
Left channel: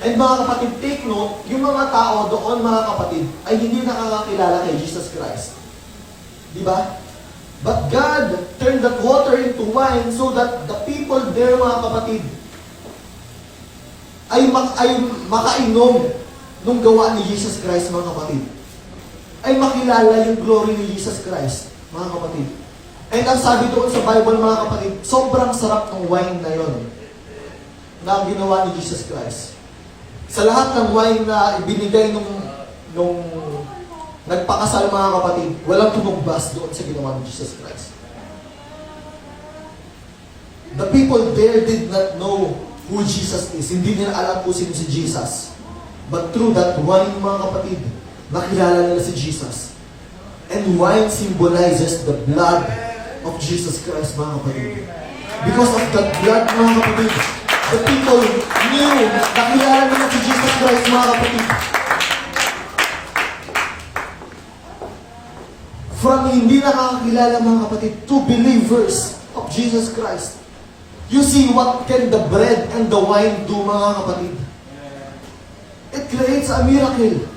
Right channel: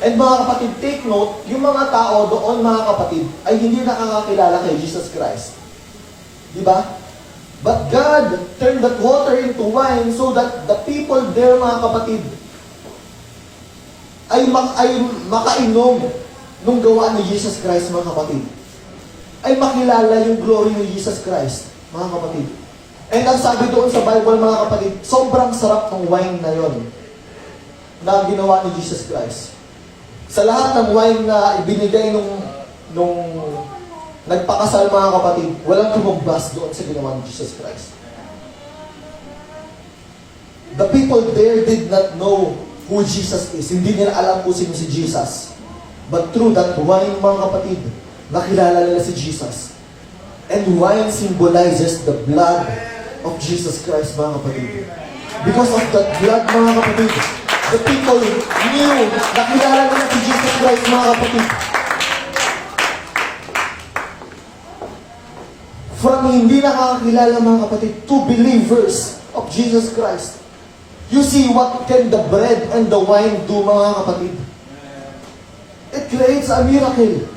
And mga kapatid, take note, yung mga tao doon mga kapatid ay hindi nakakakilala kay Jesus Christ. Di ba? But God turned that water into wine so that the people there mga kapatid ay makainom nung gawa ni Jesus Christ mga kapatid. Ay makilala yung glory ni Jesus Christ mga kapatid. And ang sabi doon sa Bible mga kapatid, sobrang sarap ng wine na yon na ginawa ni Jesus Christ. Sa lahat ng wine na ibinigay nung nagpakasal mga kapatid, walang tumugbas doon sa ginawa ni Jesus Christ. The people there did not know who Jesus is. Hindi nila alam kung sino si Jesus. But through that wine mga kapatid, nakilala nila si Jesus. And wine symbolizes the blood of Jesus Christ mga kapatid. Because of that blood mga kapatid, the people knew, nakilala nila si Jesus Christ mga kapatid. From hindi nakakilala mga kapatid to believers of Jesus Christ. You see what can the bread and the wine do mga kapatid? It creates a miracle.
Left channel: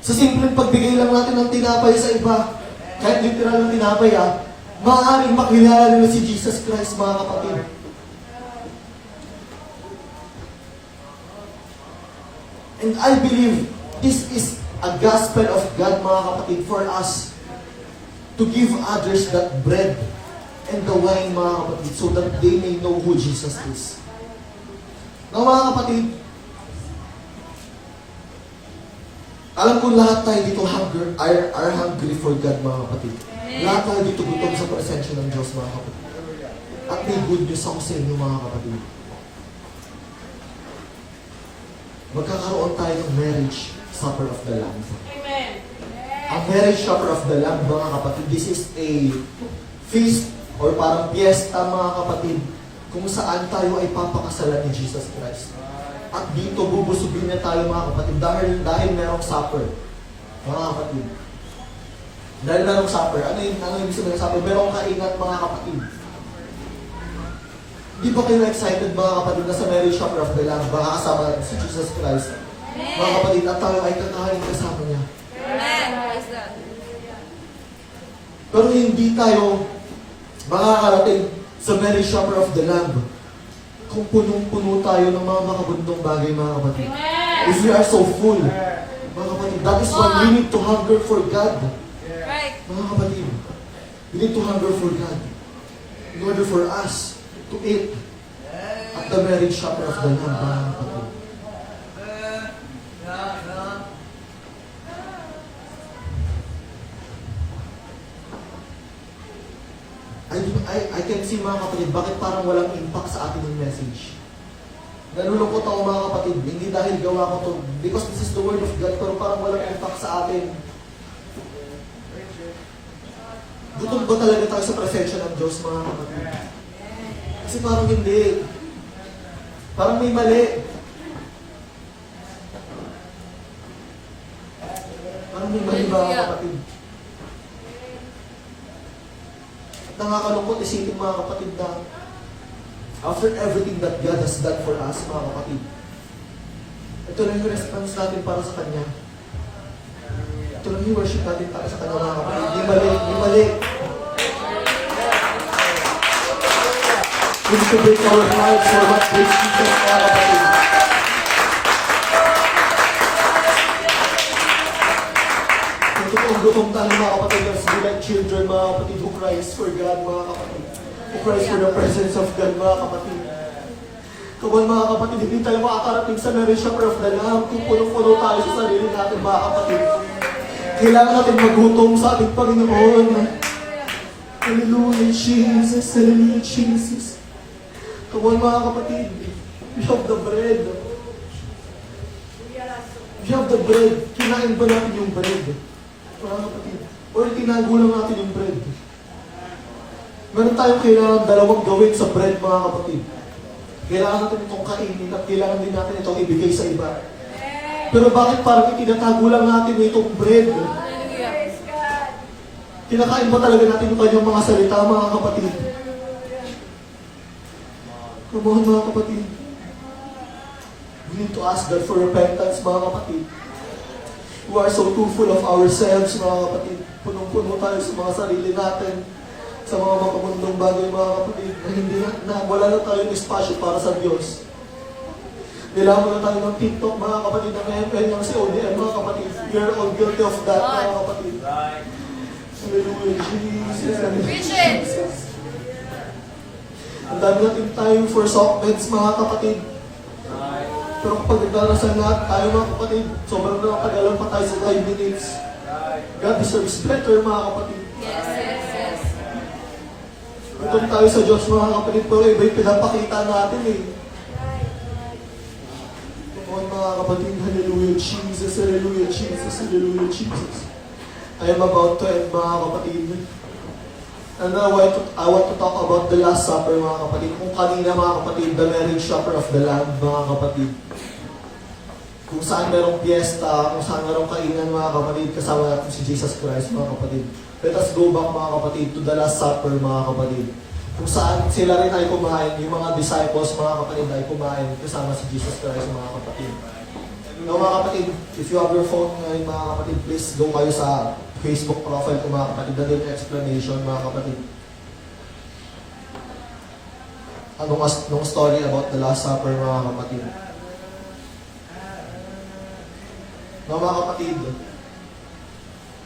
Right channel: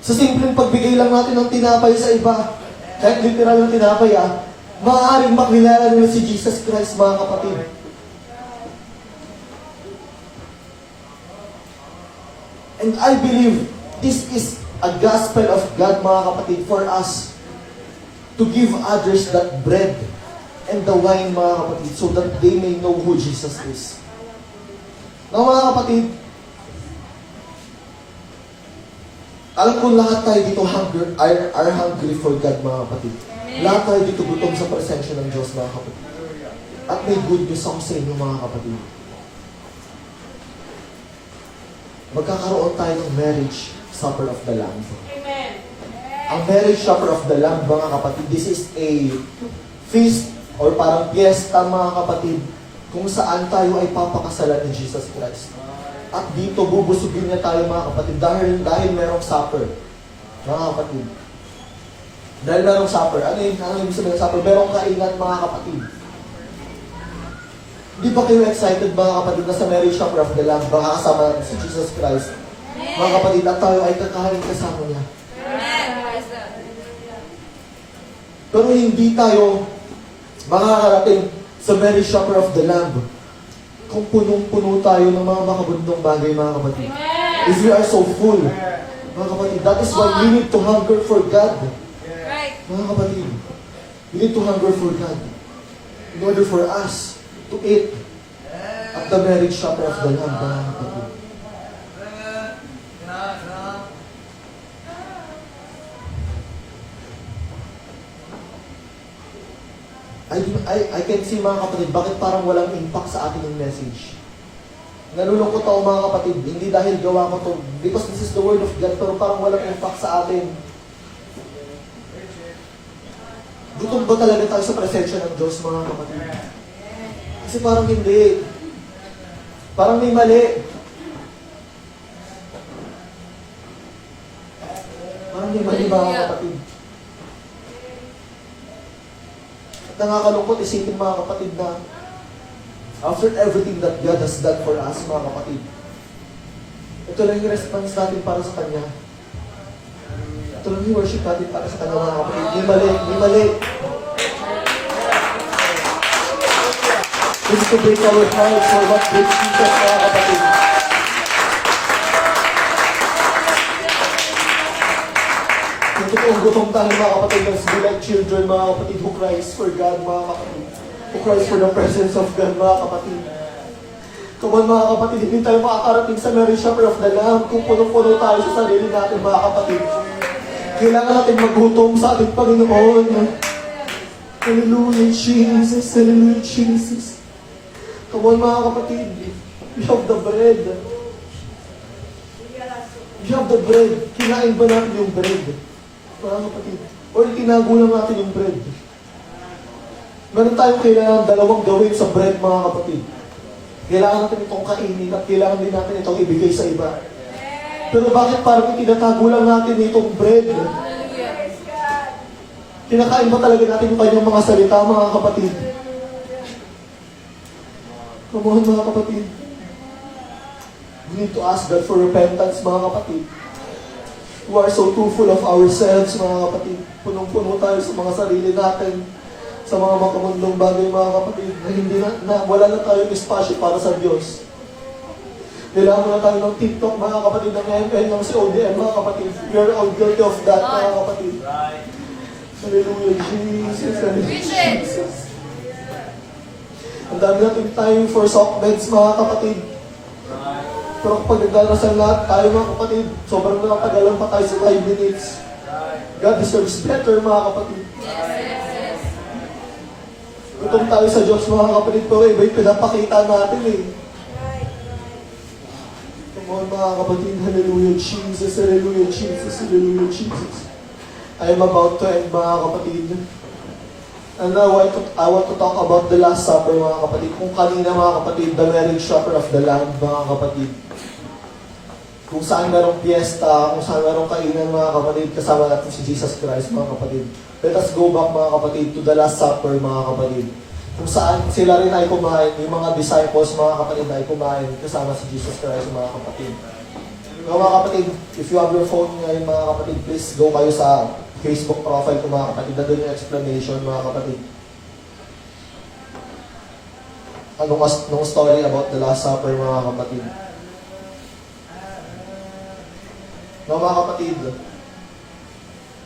Sa simpleng pagbigay lang natin ng tinapay sa iba, kahit literal ng tinapay maaaring makilala nila si Jesus Christ mga kapatid. And I believe this is a gospel of God mga kapatid for us to give others that bread and the wine mga kapatid so that they may know who Jesus is. Now mga kapatid, alam ko lahat tayo dito are hungry for God mga kapatid. Lahat tayo dito gutom sa presensya ng Diyos mga kapatid. At may good news ako sa inyo mga kapatid. Magkakaroon tayo ng marriage supper of the Lamb. Amen. Ang marriage supper of the Lamb mga kapatid, this is a feast or parang piyesta mga kapatid kung saan tayo ay papakasalan ni Jesus Christ. At dito bubusugin niya tayo mga kapatid dahil merong supper. Mga kapatid. Dahil merong supper. Ano yung sabihin ng supper? Merong kainan mga kapatid. Di ba kayo excited mga kapatid na sa marriage supper of the Lamb baka kasama natin si Jesus Christ? Mga kapatid, at tayo ay kakain kasama niya. Pero hindi tayo makakarating sa marriage supper of the Lamb kung punong-puno tayo ng mga makabundong bagay mga kapatid. If we are so full, mga kapatid, that is why we need to hunger for God. Mga kapatid, we need to hunger for God in order for us to eat at the marriage supper of the Lamb, mga kapatid. I can see mga kapatid, bakit parang walang impact sa atin yung message. Nalulungkot ako mga kapatid, hindi dahil gawa ko to, because this is the word of God, pero parang walang impact sa atin. Gutom ba talaga tayo sa presensya ng Diyos mga kapatid? Kasi parang hindi. Parang may mali. Parang may mali mga kapatid. Nakakalungkot isipin mga kapatid na after everything that God has done for us, mga kapatid, ito lang yung response natin para sa Kanya. Ito lang yung worship natin para sa Kanya, mga kapatid. Di mali. We need to break our lives for what breaks Jesus, mga kapatid. Kung gutom tayo mga kapatid, let's be like children mga kapatid who cries for God mga kapatid. Who cries for the presence of God mga kapatid. Kung mga kapatid, hindi tayo makakarating sa marriage supper of the Lamb kung puno-puno tayo sa sarili natin mga kapatid. Kailangan natin magutom sa ating Panginoon. Hallelujah Jesus, hallelujah Jesus. Kung mga kapatid, we have the bread. We have the bread. Kinain ba natin yung bread? Mga kapatid. Or tinago lang natin yung bread. Meron tayong kailangan dalawang gawin sa bread, mga kapatid. Kailangan natin itong kainin at kailangan din natin itong ibigay sa iba. Pero bakit parang itinatago lang natin itong bread? Kinakain ba talaga natin yung kanyang mga salita, mga kapatid? Come on, mga kapatid. We need to ask God for repentance, mga kapatid. We are so too full of ourselves, mga kapatid. Punong-puno tayo sa mga sarili natin, sa mga makamundong bagay, mga kapatid, na hindi wala na tayong espasyo para sa Diyos. Kailangan mo na tayo ng TikTok, mga kapatid, ng ML, ng CODM, mga kapatid. We are all guilty of that, mga kapatid. Right. Hallelujah, Jesus. Hallelujah, Jesus. Ang dami natin tayo for soft beds, mga kapatid. Pero kapag nagdarasal lahat tayo, mga kapatid, sobrang nakatagalan pa tayo sa 5 minutes. God deserves better, mga kapatid. Gutom tayo sa Diyos, mga kapatid, pero iba yung pinapakita natin eh. Come on, mga kapatid. Hallelujah, Jesus. Hallelujah, Jesus. Hallelujah, Jesus. I am about to end, mga kapatid. And now, I want to talk about the Last Supper, mga kapatid. Kung kanina, mga kapatid, the marriage supper of the Lamb, mga kapatid. Kung saan merong piyesta, kung saan merong kainan, mga kapatid, kasama natin si Jesus Christ, mga kapatid. Let us go back, mga kapatid, to the Last Supper, mga kapatid. Kung saan sila rin ay kumain, yung mga disciples, mga kapatid, ay kumain kasama si Jesus Christ, mga kapatid. Now, mga kapatid, if you have your phone ngayon, mga kapatid, please go kayo sa Facebook profile ko, mga kapatid. Nandun yung explanation, mga kapatid. Anong story about the Last Supper, mga kapatid. Now, mga kapatid,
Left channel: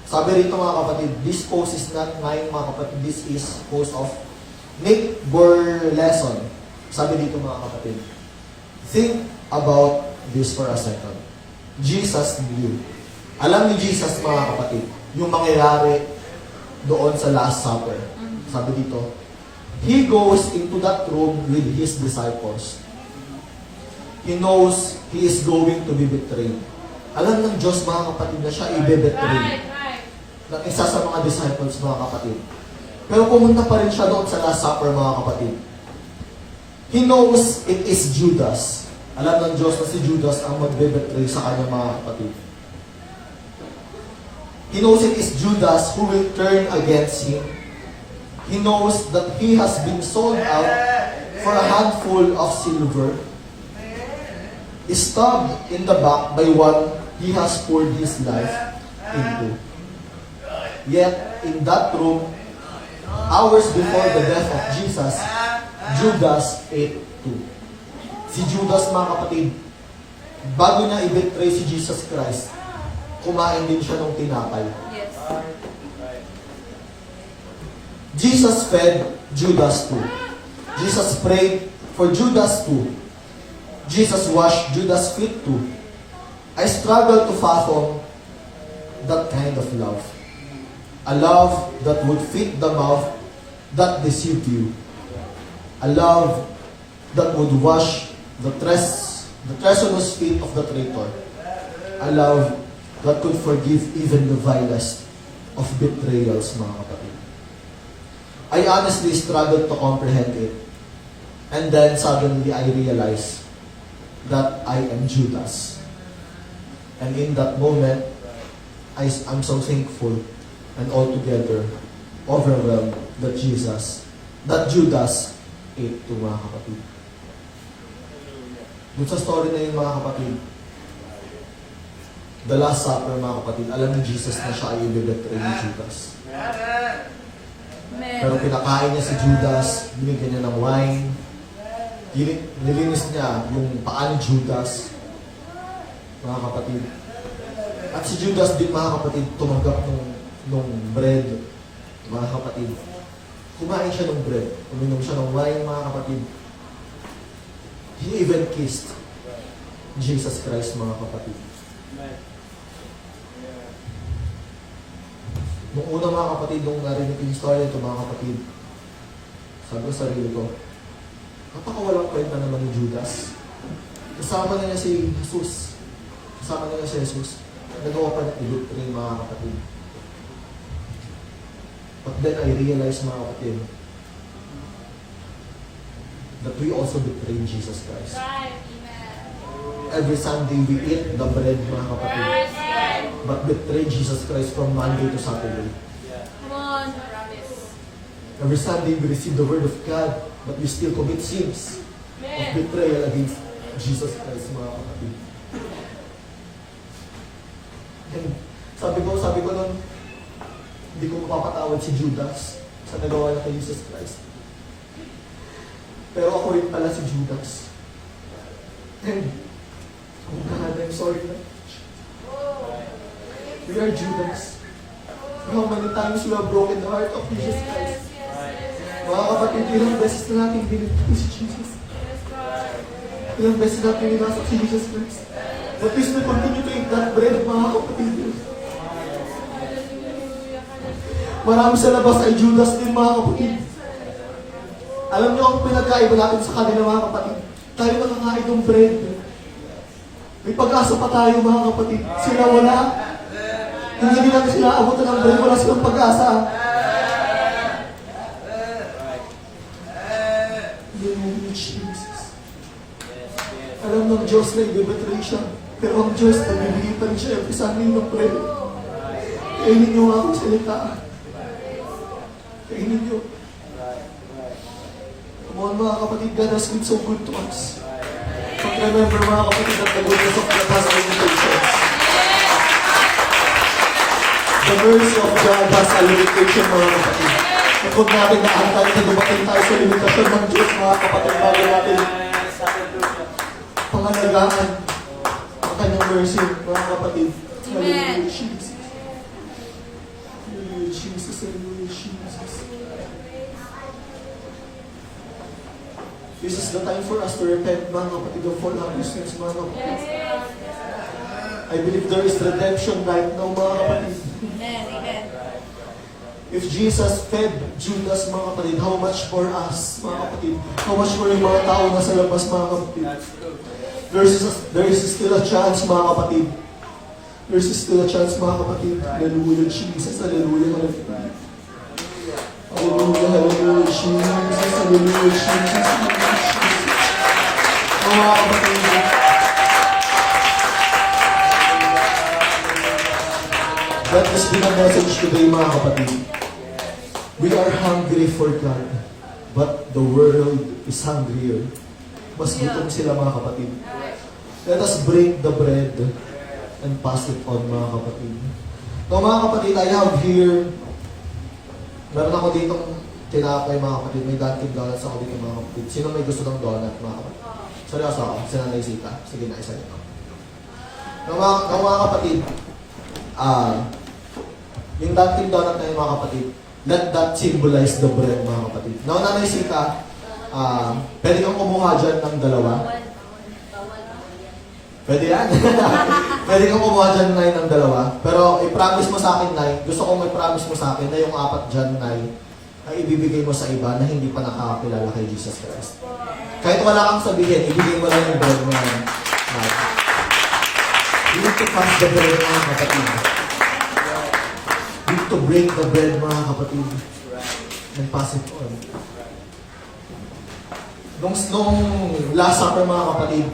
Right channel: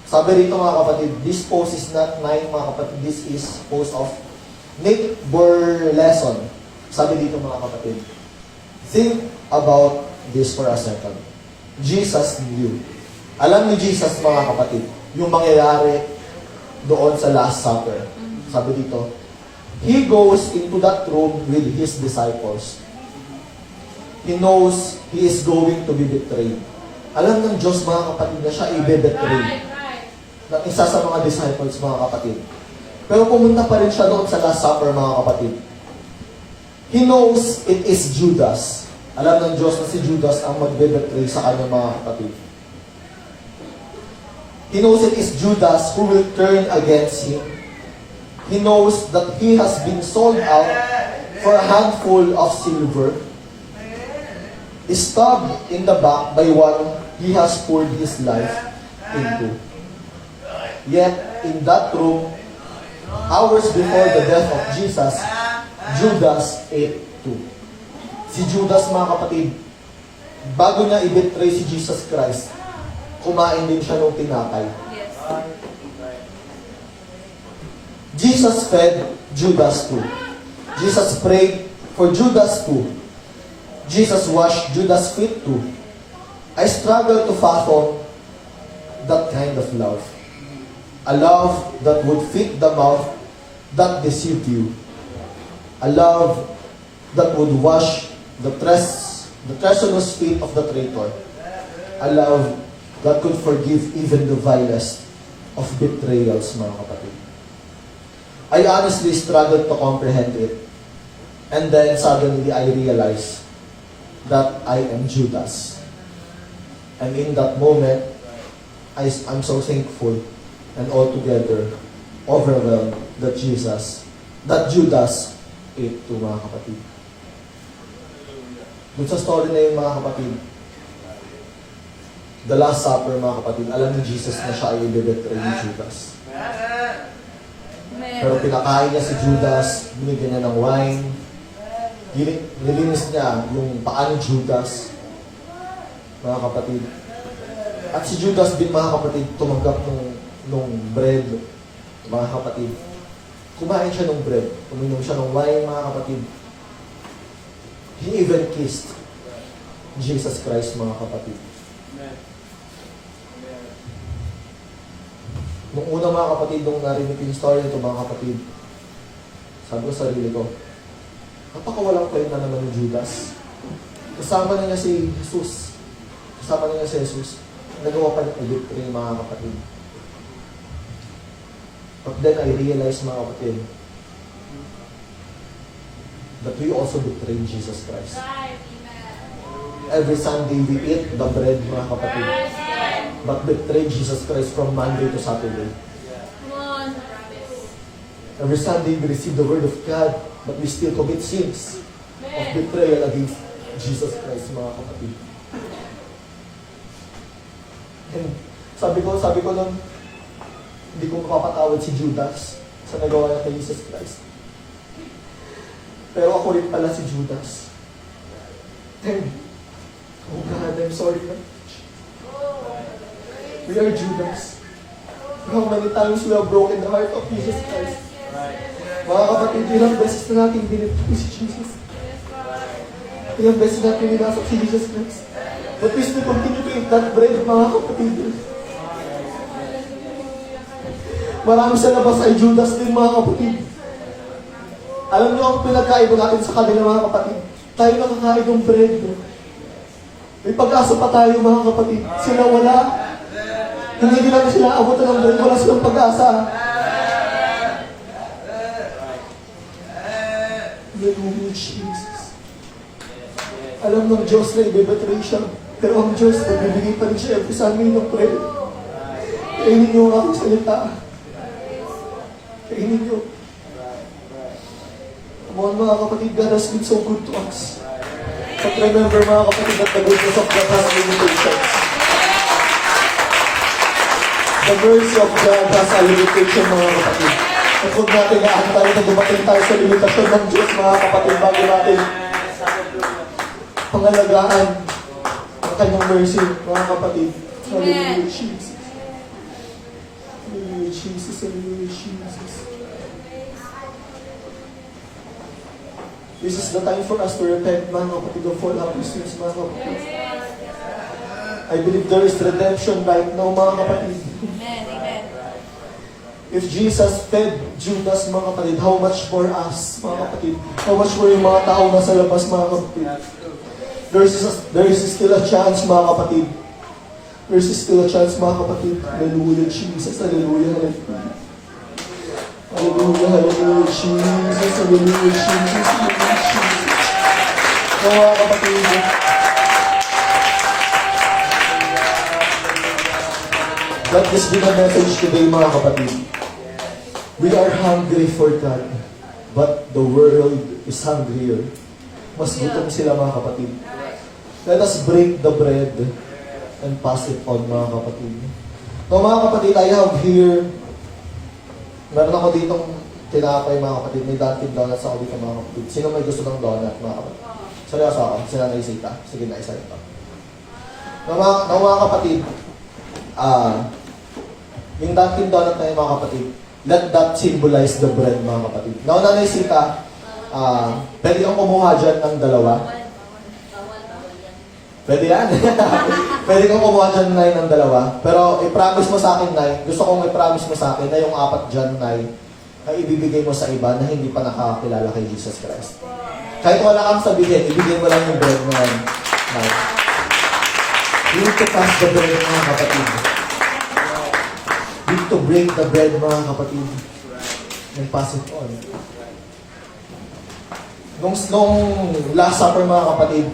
sabi rito, mga kapatid, this post is not mine, mga kapatid. This is post of Nick Burleson. Sabi dito, mga kapatid, think about this for a second. Jesus knew. Alam ni Jesus, mga kapatid, yung mangyayari doon sa Last Supper. Sabi dito, He goes into that room with His disciples. He knows He is going to be betrayed. Alam ng Diyos, mga kapatid, na siya i-betray ng isa sa mga disciples, mga kapatid. Pero pumunta pa rin siya doon sa Last Supper, mga kapatid. He knows it is Judas. Alam ng Diyos na si Judas ang magbe-betray sa kanya, mga kapatid. He knows it is Judas who will turn against him. He knows that he has been sold out for a handful of silver, stabbed in the back by one he has poured his life into. Yet, in that room, hours before the death of Jesus, Judas ate too. Si Judas, mga kapatid, bago niya i-betray si Jesus Christ, kumain din siya ng tinapay. Jesus fed Judas too. Jesus prayed for Judas too. Jesus washed Judas' feet too. I struggle to fathom that kind of love. A love that would fit the mouth that deceived you. A love that would wash the treacherous feet of the traitor. A love that could forgive even the vilest of betrayals, mga kapatid. I honestly struggled to comprehend it. And then suddenly I realized that I am Judas. And in that moment, I'm so thankful and altogether overwhelmed that Judas ate to, mga kapatid. Dun sa story na yun, mga kapatid, the Last Supper, mga kapatid, alam ni Jesus na siya ay i-betray ni Judas. Pero pinakain niya si Judas, binigyan niya ng wine, nilinis niya yung paa ni Judas, mga kapatid. At si Judas din, mga kapatid, tumanggap ng bread, mga kapatid. Kumain siya ng bread, uminom siya ng wine, mga kapatid. He even kissed Jesus Christ, mga kapatid. Nung una, mga kapatid, nung narinig yung story nito, mga kapatid, sabi ko sa sarili ko, napakawalang kwenta naman ni Judas. Kasama na niya si Jesus. Kasama na niya si Jesus. Nagawa pa ng i-betray, mga kapatid. But then I realized, mga kapatid, that we also betray Jesus Christ. Every Sunday we eat the bread, mga kapatid. But betray Jesus Christ from Monday to Saturday. Every Sunday we receive the Word of God, but we still commit sins of betrayal against Jesus Christ, mga kapatid. And sabi ko lang, hindi ko mapapatawad si Judas sa nagawa kay Jesus Christ. Pero ako rin pala si Judas. And, oh God, I'm sorry na. We are Judas. How many times we have broken the heart of Jesus Christ? Mga kapatid, ilang beses na natin binibigay si Jesus. Ilang beses natin ninasap si Jesus Christ. But we still continue to eat that bread, mga kapatid. Marami sa labas ay Judas din, mga kapatid. Alam niyo ang pinagkaiba natin sa kanila, mga kapatid. Tayo nakakain ng bread. May pag-asa pa tayo, mga kapatid. Sila wala. Hindi nila sila abutan ng bread. Wala silang pag-asa. Hallelujah, Jesus. Alam ng Diyos na ibibetray siya. Pero ang Diyos, nagbibigay pa rin siya every Sunday ng bread. Kainin niyo ang aking salita. Kainin niyo. Mga kapatid, God has been so good to us. But remember, mga kapatid, that the goodness of God has limitations. The mercy of God has a limitation, mga kapatid. At huwag natin naantay na dumating tayo sa limitasyon ng Diyos, mga kapatid, bago natin pangalagaan ang kanyang mercy, mga kapatid. Hallelujah, Jesus. Hallelujah, Jesus. Hallelujah, Jesus. This is the time for us to repent, mga kapatid, of all our sins, mga kapatid. I believe there is redemption right now, mga kapatid. If Jesus fed Judas, mga kapatid, how much more us, mga kapatid? How much more yung mga tao nasa labas, mga kapatid? There is still a chance, mga kapatid. There is still a chance, mga kapatid. Hallelujah, Jesus. Hallelujah, hallelujah. Hallelujah, hallelujah, Jesus. Hallelujah, Jesus. Hallelujah, Jesus. Mga kapatid. Let this be the message today, mga kapatid. We are hungry for God, but the world is hungrier. Mas gutom sila, mga kapatid. Let us break the bread and pass it on, mga kapatid. Now, mga kapatid, I have here, meron ako dito tinapay, mga kapatid. May Dunkin Donuts ako dito, mga kapatid. Sino may gusto ng donut, mga kapatid? Seryoso ako, sila na isita. Sige na, isa ito. Now, mga kapatid, yung Dunkin Donut na yun, mga kapatid, let that symbolize the bread, mga kapatid. Now, Nanay Sita, pwede kang kumuha dyan ng dalawa. Pwede yan. Pwede kang kumuha dyan, Nay, ng dalawa. Pero i-promise mo sa akin, Nay, gusto kong i-promise mo sa akin na yung 4 dyan, Nay, ay ibibigay mo sa iba na hindi pa nakakakilala kay Jesus Christ. Kahit wala kang sabihin, ibigay mo lang yung bread mo, Nay. You need to pass the bread, mga kapatid. You need to break the bread, mga kapatid. And pass it on. Nung Last Supper, mga kapatid,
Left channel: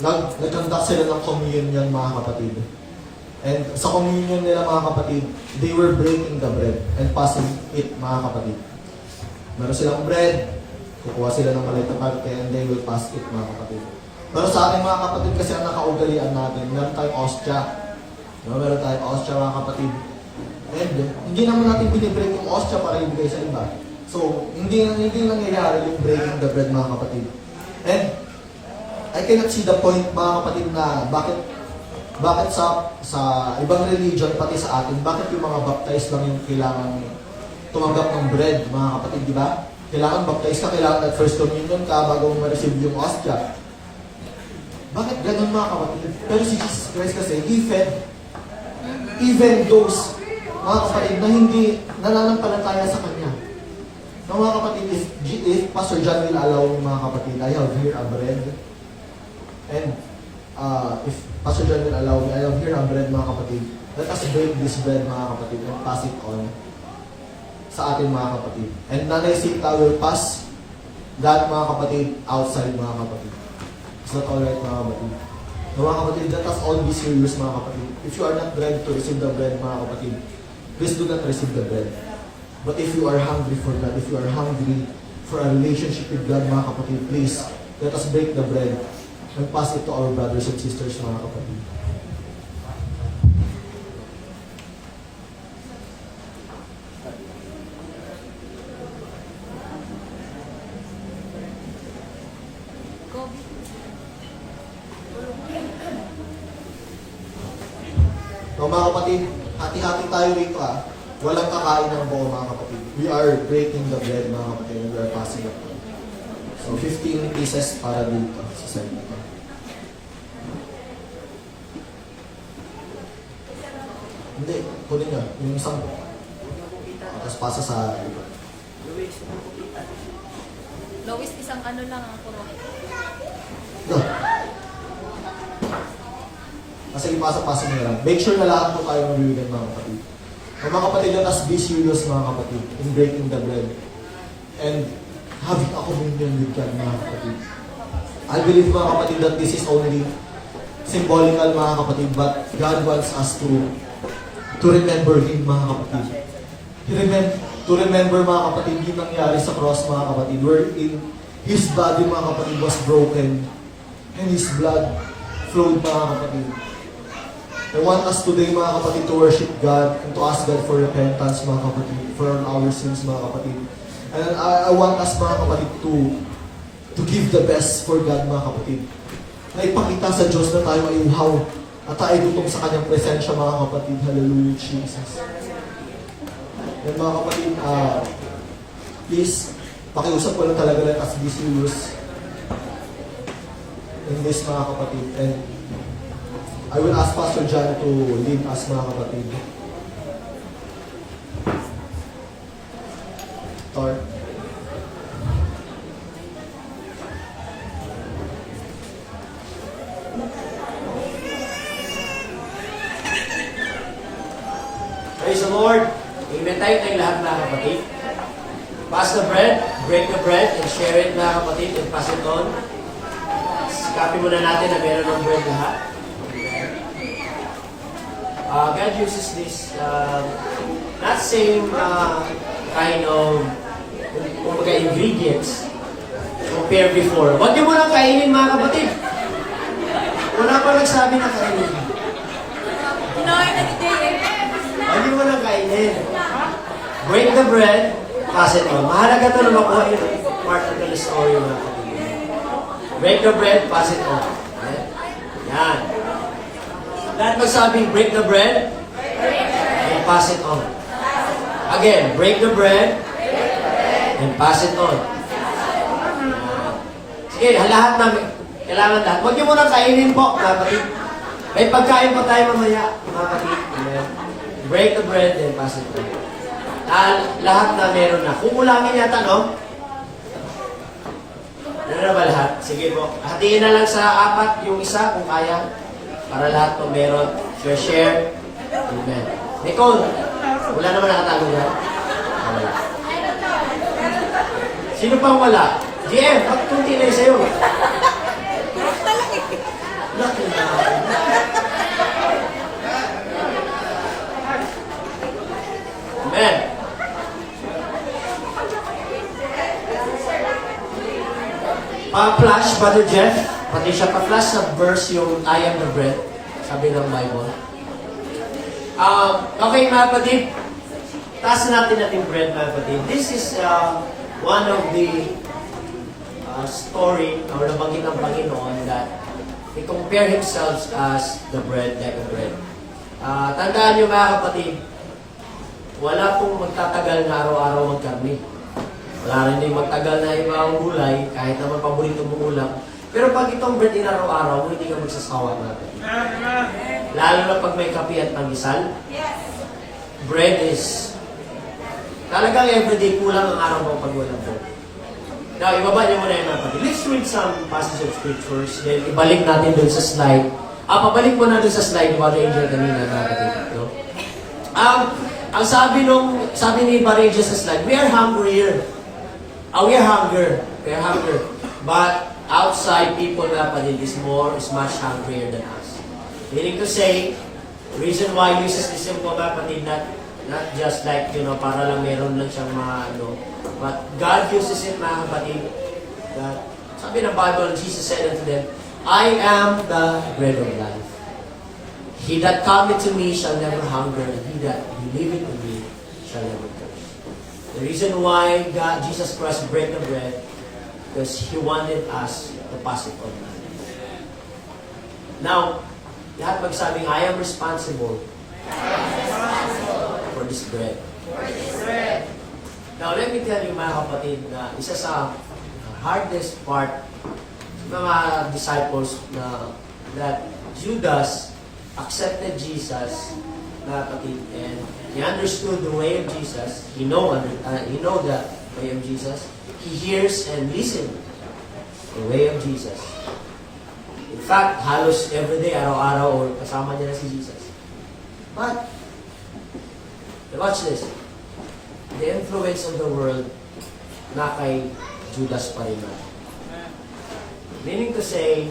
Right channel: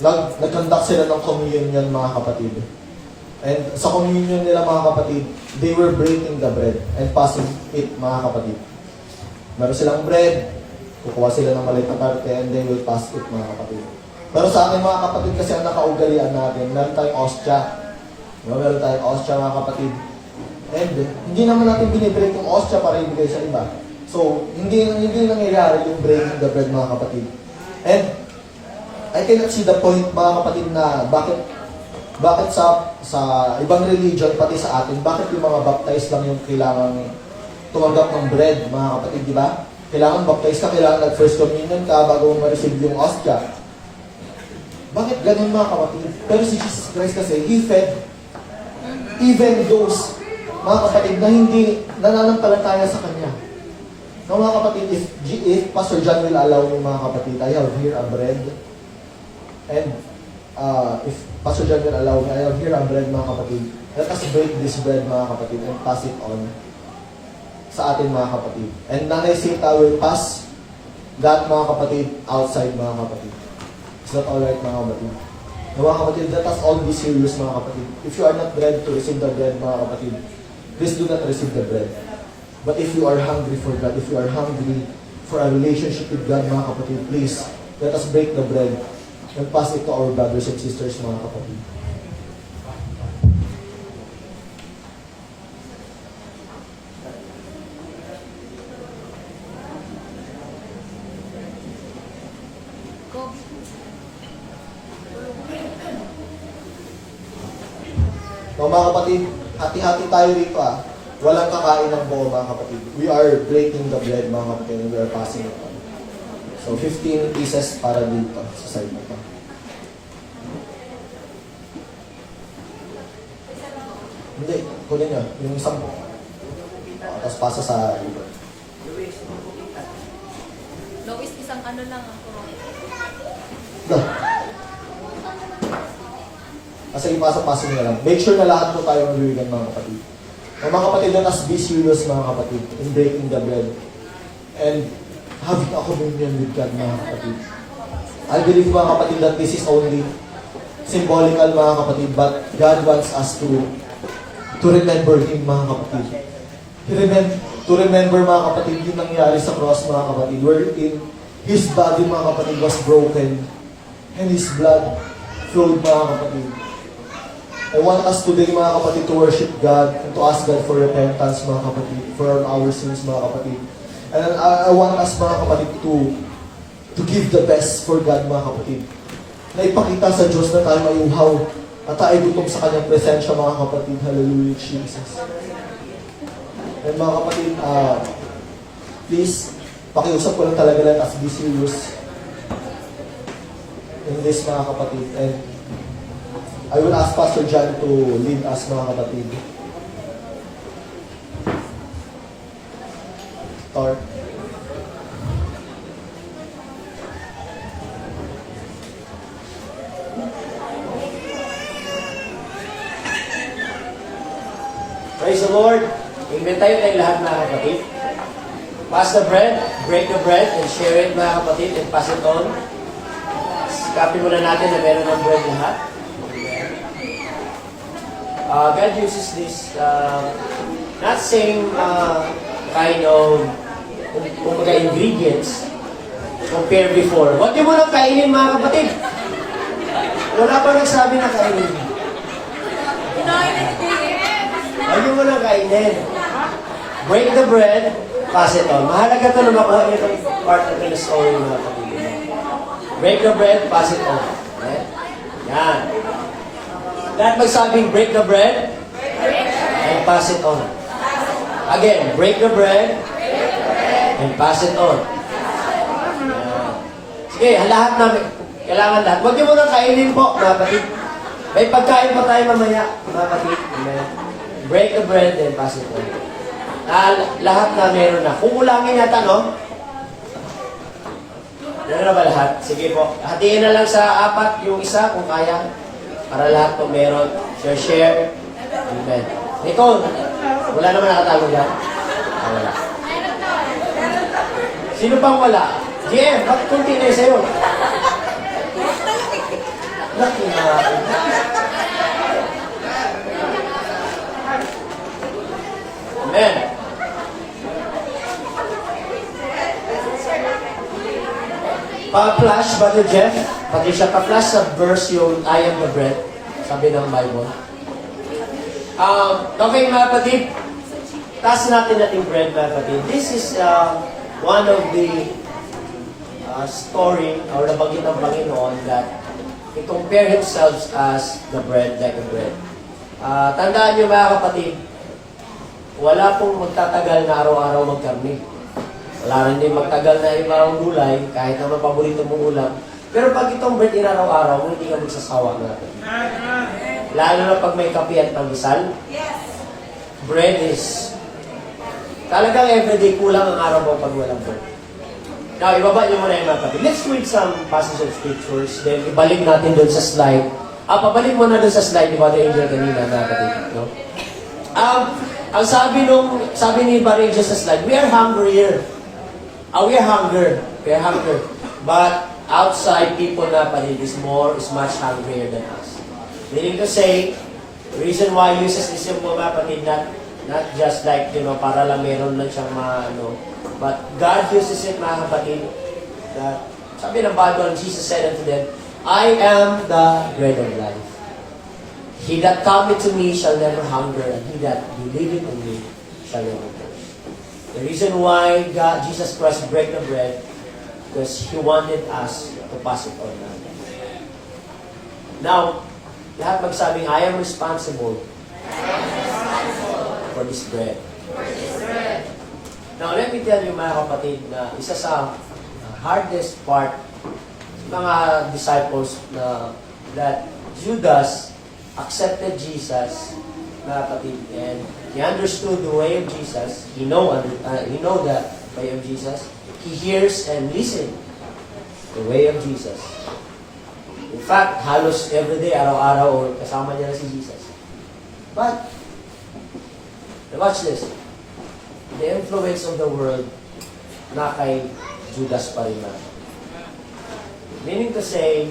nag-conduct sila ng communion, mga kapatid. And sa communion nila, mga kapatid, they were breaking the bread and passing it, mga kapatid. Meron silang bread, kukuha sila ng maliit na parte, and they will pass it, mga kapatid. Pero sa akin, mga kapatid, kasi ang nakaugalian natin, meron tayong ostya. Meron tayong ostya, mga kapatid. And hindi naman natin binibreak yung ostya para ibigay sa iba. So, hindi nangyayari yung breaking the bread, mga kapatid. And I cannot see the point, mga kapatid, na bakit sa ibang religion, pati sa atin, bakit yung mga baptized lang yung kailangan tumanggap ng bread, mga kapatid, di ba? Kailangan baptized ka, kailangan nag-first communion ka bago mo ma-receive yung ostya. Bakit ganun, mga kapatid? Pero si Jesus Christ kasi, He fed even those, mga kapatid, na hindi nananampalataya sa Kanya. No, mga kapatid, if Pastor John will allow me, mga kapatid, I have here a bread. And if Pastor John will allow me, I have here a bread, mga kapatid. Let us break this bread, mga kapatid, and pass it on sa atin, mga kapatid. And Nanay Sita will pass that, mga kapatid, outside, mga kapatid. Is that alright, mga kapatid? Mga kapatid, let us all be serious, mga kapatid. If you are not ready to receive the bread, mga kapatid, please do not receive the bread. But if you are hungry for God, if you are hungry for a relationship with God, mga kapatid, please, let us break the bread and pass it to our brothers and sisters, mga kapatid. So, mga kapatid, hati-hati tayo rito Walang kakain ng buo, mga kapatid. We are breaking the bread, mga kapatid, and we are passing it on. So, 15 pieces para dito sa side na ito. Hindi, kunin nyo. Yung isang tapos pasa sa Lois, isang ano lang ang tuloy. yeah. Kasi ipasok-pasok nyo lang. Make sure na lahat po tayo mabibigan, mga kapatid. Mga kapatid, let us be serious, mga kapatid, in breaking the bread. And having a communion with God, mga kapatid. I believe, mga kapatid, that this is only symbolical, mga kapatid, but God wants us to remember Him, mga kapatid. To remember, mga kapatid, yung nangyari sa cross, mga kapatid, wherein His body, mga kapatid, was broken and His blood flowed, mga kapatid. I want us today, mga kapatid, to worship God and to ask God for repentance, mga kapatid, for our sins, mga kapatid. And I want us, mga kapatid, to give the best for God, mga kapatid. Na ipakita sa Diyos na tayo ay uhaw at tayo gutom sa Kanyang presensya, mga kapatid. Hallelujah, Jesus. And mga kapatid, please, pakiusap ko lang talaga, let us be serious in this, mga kapatid. And I will ask Pastor John to lead us, mga kapatid. Tor. Praise the Lord. Amen tayo tayong lahat, mga kapatid. Pass the bread, break the bread, and share it, mga kapatid, and pass it on. Copy muna natin na meron ng bread lahat. God uses this not same kind of ingredients compared before. Huwag niyo muna kainin, mga kapatid. Wala pa nagsabi na kainin. Huwag niyo muna kainin. Break the bread, pass it on. Mahalaga ito na makuha itong part of the story, mga kapatid. Break the bread, pass it on. Okay? Yan. Lahat magsabing, break the bread and pass it on. Again, break the bread and pass it on. Yan. Sige, lahat namin. Kailangan lahat. Huwag niyo muna kainin po, mga kapatid. May pagkain pa tayo mamaya, mga kapatid. Amen. Break the bread and pass it on. Lahat na meron na. Kung ulangin yata, no? Meron na ba lahat? Sige po. Hatiin na lang sa 4 yung isa, kung kaya. Para lahat po meron. Share. Amen. Nicole, wala naman nakatago dyan? Wala. Sino pang wala? GM, bakit kunti na yung sa'yo? Lucky na. Amen. Pa-flash, Brother Jeff. Pati siya pa-flash sa verse yung I am the bread. Sabi ng Bible. Okay, mga kapatid. Taas natin natin bread, mga kapatid. This is one of the story or nabanggit ng Panginoon that He compared Himself as the bread, like a bread. Tandaan niyo, mga kapatid, wala pong magtatagal na araw-araw magkarni. Wala rin din magtagal na ibang gulay, kahit naman paborito mong ulam. Pero pag itong bread in araw-araw, hindi ka magsasawa na. Lalo na pag may kape at pandesal. Bread is talagang everyday kulang ang araw mo pag walang bread. Now, ibaba niyo muna yung mga kapatid. Let's read some passage of scriptures. Then, ibalik natin dun sa slide. Pabalik mo na dun sa slide ni Brother Angel kanina, mga kapatid. No? Ang sabi ni Brother Angel sa slide, we are hungrier. We are hunger. But outside people na kapatid is much hungrier than us. Meaning to say, the reason why he uses this yung mga kapatid na Not just like, para lang meron lang siyang mga But God uses it, mga kapatid. That, sabi ng Bible, Jesus said unto them, I am the bread of life. He that cometh to me shall never hunger, and he that believeth in me shall never thirst. The reason why Jesus Christ break the bread, because He wanted us to pass it on. Now, lahat magsabing, I am responsible for this bread. Now, let me tell you, mga kapatid, na isa sa hardest part sa mga disciples that Judas accepted Jesus, mga kapatid, and he understood the way of Jesus. He know the way of Jesus. He hears and listens the way of Jesus. In fact, halos everyday, araw-araw, or kasama niya na si Jesus. But, watch this. The influence of the world na kay Judas pa rin na. Meaning to say,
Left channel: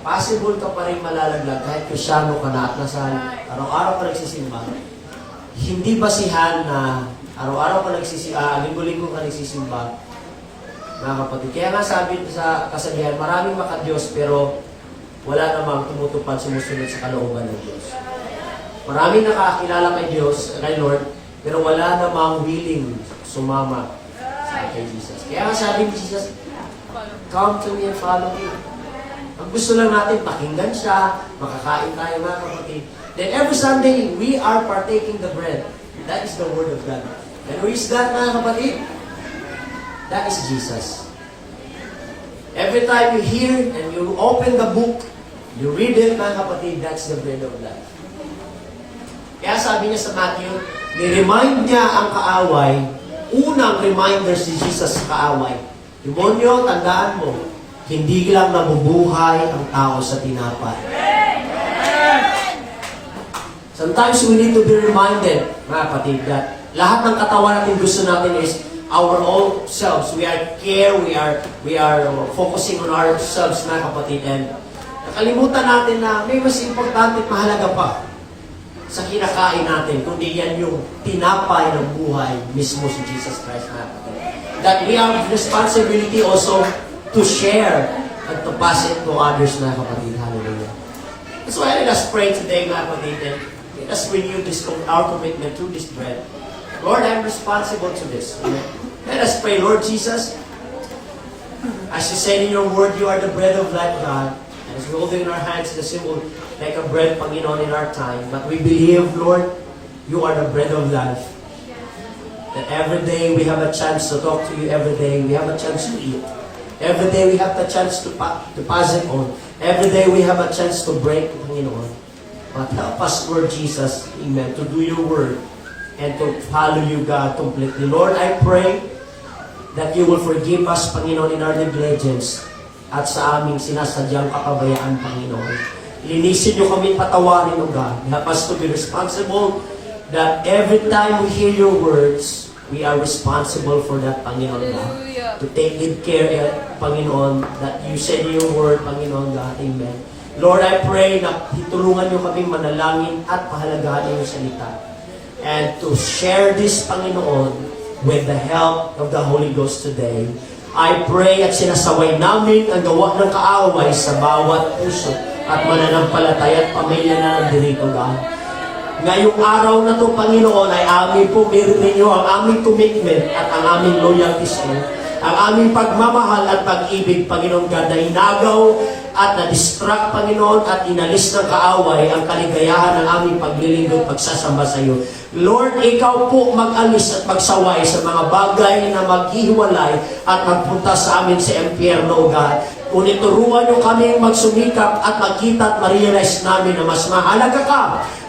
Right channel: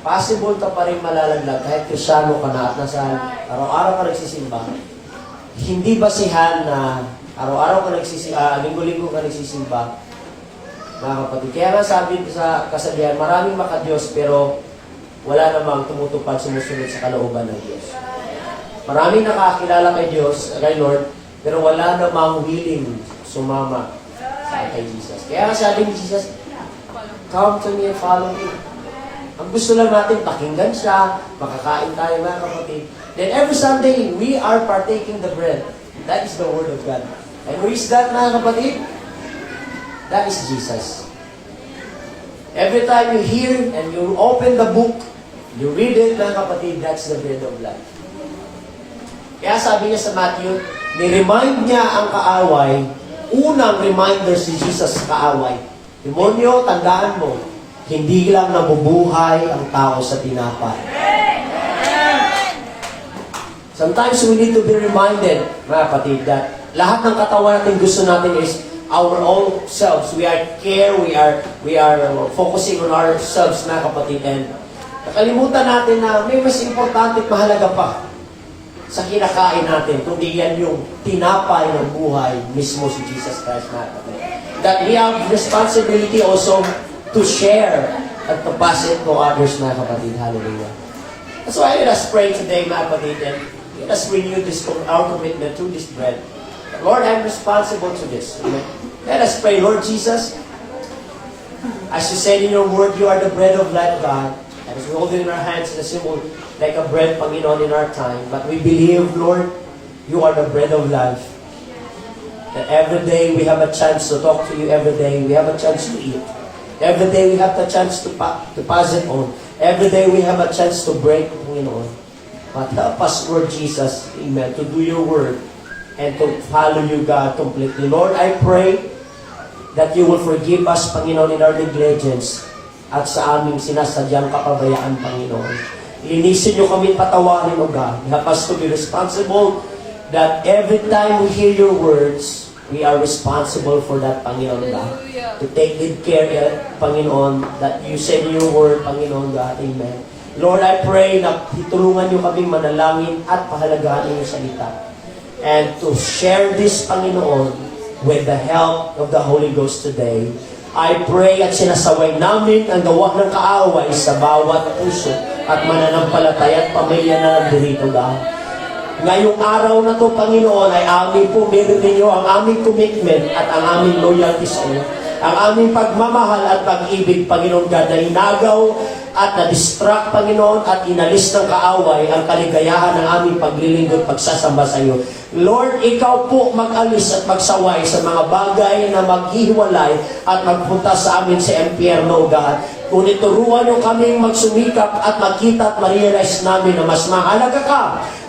possible ka pa rin malalaglag kahit Kristyano ka na at nasa araw-araw ka nagsisimba. Hindi basihan na araw-araw ka nagsisimba, linggo-linggo ka nagsisimba, mga kapatid. Kaya nga sabi sa kasabihan, maraming makadiyos pero wala namang tumutupad sumusunod sa kalooban ng Diyos. Maraming nakakilala kay Diyos, kay Lord, pero wala namang willing sumama sa kay Jesus. Kaya sabi ni Jesus, come to me and follow me. Ang gusto lang natin, pakinggan siya, makakain tayo mga kapatid. Then every Sunday, we are partaking the bread. That is the Word of God. And who is that mga kapatid? That is Jesus. Every time you hear and you open the book, you read it mga kapatid, that's the bread of life. Kaya sabi niya sa Matthew, ni-remind niya ang kaaway, unang reminder si Jesus sa kaaway. Demonyo, tandaan mo, hindi lang nabubuhay ang tao sa tinapay. Sometimes we need to be reminded, mga kapatid, that lahat ng katawan natin gusto natin is our own selves. We are we are focusing on ourselves, mga kapatid. And nakalimutan natin na may mas importante at mahalaga pa sa kinakain natin, kundi yan yung tinapay ng buhay mismo si Jesus Christ, mga kapatid. That we have responsibility also to share at to pass it to others, mga kapatid. Hallelujah. That's why let us pray today, mga kapatid, and let us renew our commitment to this bread. Lord, I'm responsible to this. Amen. Let us pray, Lord Jesus, as you said in your word, you are the bread of life, God. And as we hold it in our hands, the symbol like a bread, Panginoon, in our time. But we believe, Lord, you are the bread of life. That every day we have a chance to talk to you. Every day we have a chance to eat. Every day we have the chance to pass it on. Every day we have a chance to break, Panginoon. But help us, Lord Jesus, amen, to do your word and to follow you, God, completely. Lord, I pray that you will forgive us, Panginoon, in our negligence at sa aming sinasadyang kapabayaan, Panginoon. Linisin niyo kami, patawarin mo, God. Help us to be responsible that every time we hear your words, we are responsible for that, Panginoon God. To take good care, Panginoon, that you said in your word, Panginoon God. Amen. Lord, I pray na itulungan niyo kaming manalangin at pahalagahan yung salita. And to share this, Panginoon, with the help of the Holy Ghost today. I pray at sinasaway namin ang gawa ng kaaway sa bawat puso at mananampalataya at pamilya na nandito, God. Ngayong araw na ito, Panginoon, ay amin po meron ninyo ang aming commitment at ang aming loyalty sa iyo. Ang aming pagmamahal at pag-ibig, Panginoon God, na inagaw at na-distract, Panginoon, at inalis ng kaaway ang kaligayahan ng aming paglilingkod at pagsasamba sa iyo. Lord, ikaw po mag-alis at magsaway sa mga bagay na maghihiwalay at magpunta sa amin sa impyerno, God. Ngunit turuan niyo kaming magsumikap at makita at ma-realize namin na mas mahalaga ka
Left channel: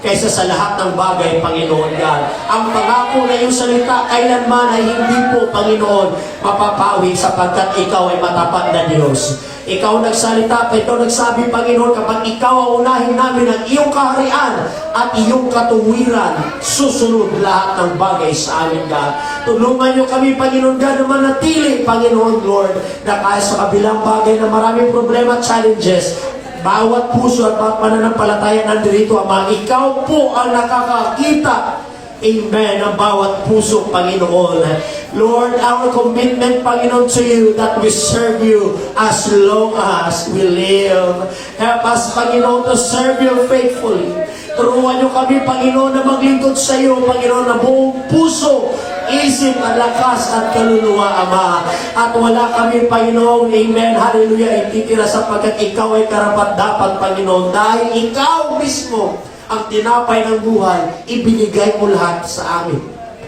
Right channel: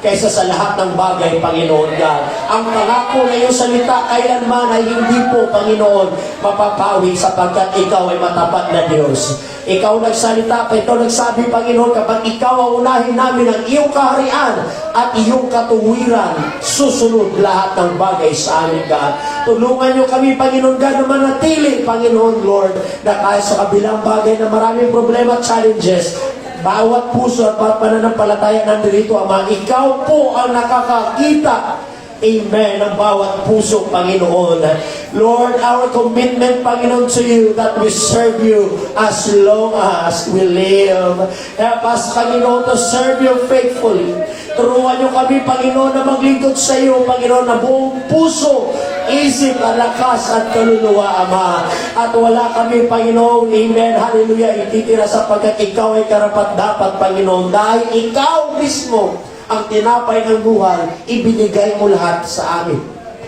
kaysa sa lahat ng bagay, Panginoon God. Ang pangako na iyong salita kailanman ay hindi po, Panginoon, mapapawi sapagkat ikaw ay matapat na Diyos. Ikaw nagsalita, ito nagsabi, Panginoon, kapag ikaw ang unahin namin ang iyong kaharian at iyong katuwiran, susunod lahat ng bagay sa amin, God. Tulungan niyo kami, Panginoon God, na manatili, Panginoon Lord, na kahit sa kabilang bagay na maraming problema at challenges, bawat puso at bawat pananampalataya nandito, Ama, ikaw po ang nakakakita Amen, ang bawat puso, Panginoon. Lord, our commitment, Panginoon, to you that we serve you as long as we live. Help us, Panginoon, to serve you faithfully. Turuan niyo kami, Panginoon, na maglingkod sa iyo, Panginoon, na buong puso, isip at lakas at kaluluwa, Ama. At wala kami, Panginoon, amen, hallelujah, ititira sapagkat ikaw ay karapat-dapat, Panginoon, dahil ikaw mismo ang tinapay ng buhay, ibinigay mo lahat sa amin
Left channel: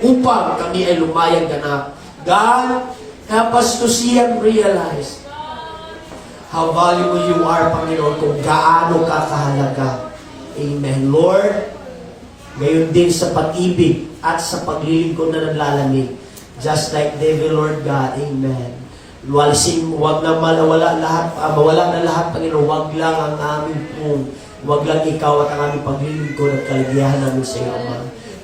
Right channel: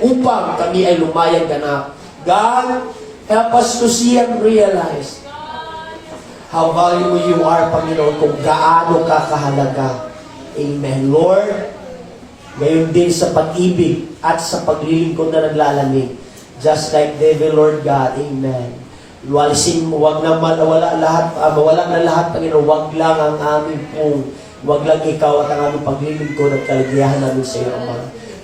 upang kami ay lumayag ganap. God, help us to see and realize how valuable you are, Panginoon, kung gaano ka kahalaga. Amen. Lord, gayon din sa pag-ibig at sa paglilingkod na naglalamig. Just like David, Lord God. Amen. Walisin mo, wag na mawala lahat, mawala na lahat, Panginoon. Wag lang ang aming pong, wag lang ikaw at ang aming paglilingkod at kaligayahan namin sa iyo, Ama.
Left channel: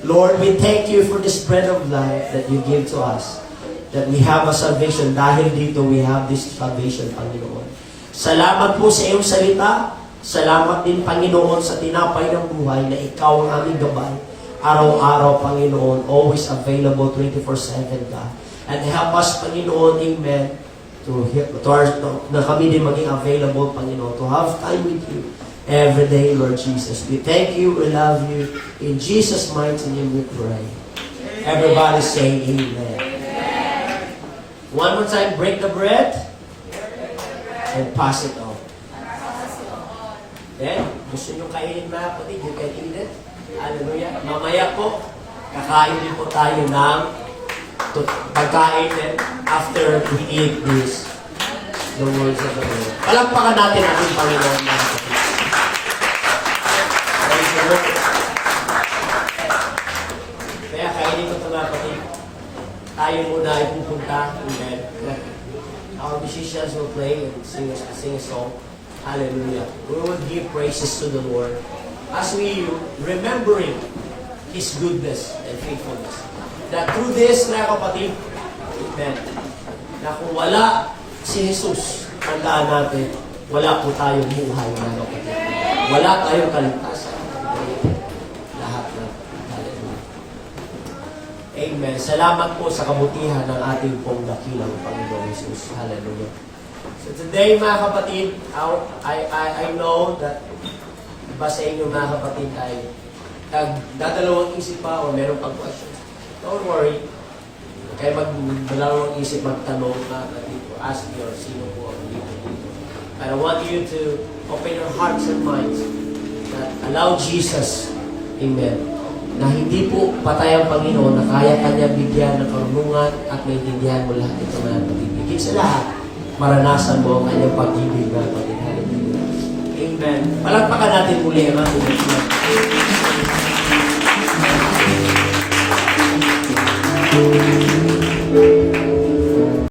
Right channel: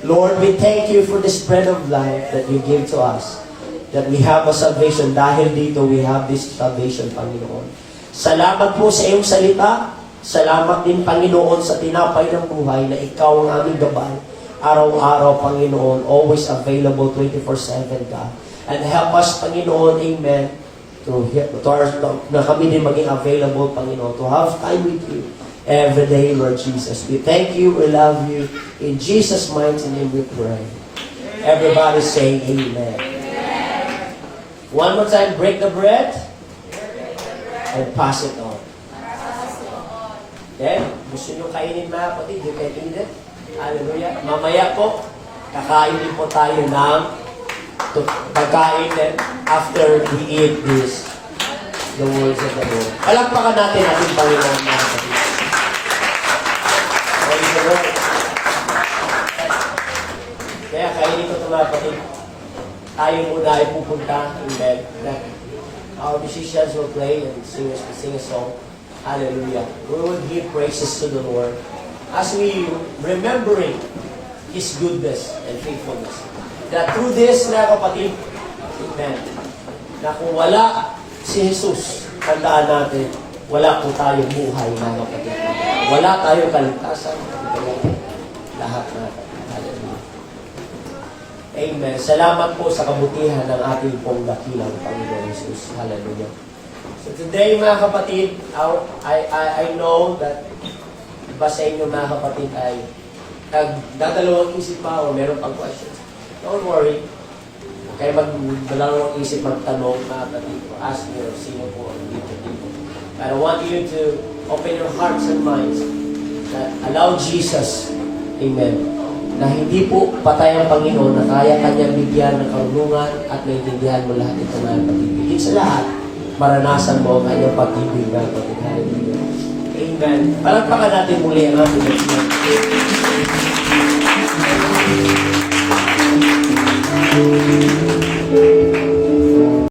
Lord, we thank you for this bread of life that you give to us. That we have a salvation. Dahil dito, we have this salvation, Panginoon. Salamat po sa iyong salita. Salamat din, Panginoon, sa tinapay ng buhay na ikaw ang aming gabay. Araw-araw, Panginoon, always available 24/7 ka. And help us, Panginoon, amen, na kami din maging available, Panginoon, to have time with you every day, Lord Jesus. We thank you, we love you. In Jesus' mighty name we pray. Everybody say amen. One more time, break the bread and pass it on. Okay? Gusto nyo kainin, mga kapatid? You can eat it. Hallelujah. Mamaya po, kakain din po tayo ng kakain din after we eat this, the words of the Lord. Palakpakan natin ating Panginoon, mga kapatid. Praise the Lord. Kaya kainin ko ito, mga kapatid. Tayo muna ay pupunta in bed. Our musicians will play and sing a song. Hallelujah. We will give praises to the Lord as we remembering His goodness and faithfulness. That through this, mga kapatid, amen, na kung wala si Jesus, tandaan natin, wala po tayong buhay, mga kapatid. Wala tayong kaligtasan. Lahat na. Hallelujah. Amen. Salamat po sa kabutihan ng ating pong dakilang Panginoon Jesus. Hallelujah. So today, mga kapatid, I know that iba sa inyo, mga kapatid, ay nagdadalawang isip pa o meron pang questions. Don't worry. Kaya magdalawang isip magtanong, mga kapatid, or ask me or sino po ang dito. But I want you to open your hearts and minds that allow Jesus, amen, na hindi po patay ang Panginoon, na kaya Kanya bigyan ng karunungan at naintindihan mo lahat ito, mga kapatid. Higit sa lahat, maranasan mo ang kanyang pag-ibig, na kapatid. Hallelujah. Amen. Palakpakan natin muli ang ating Lord.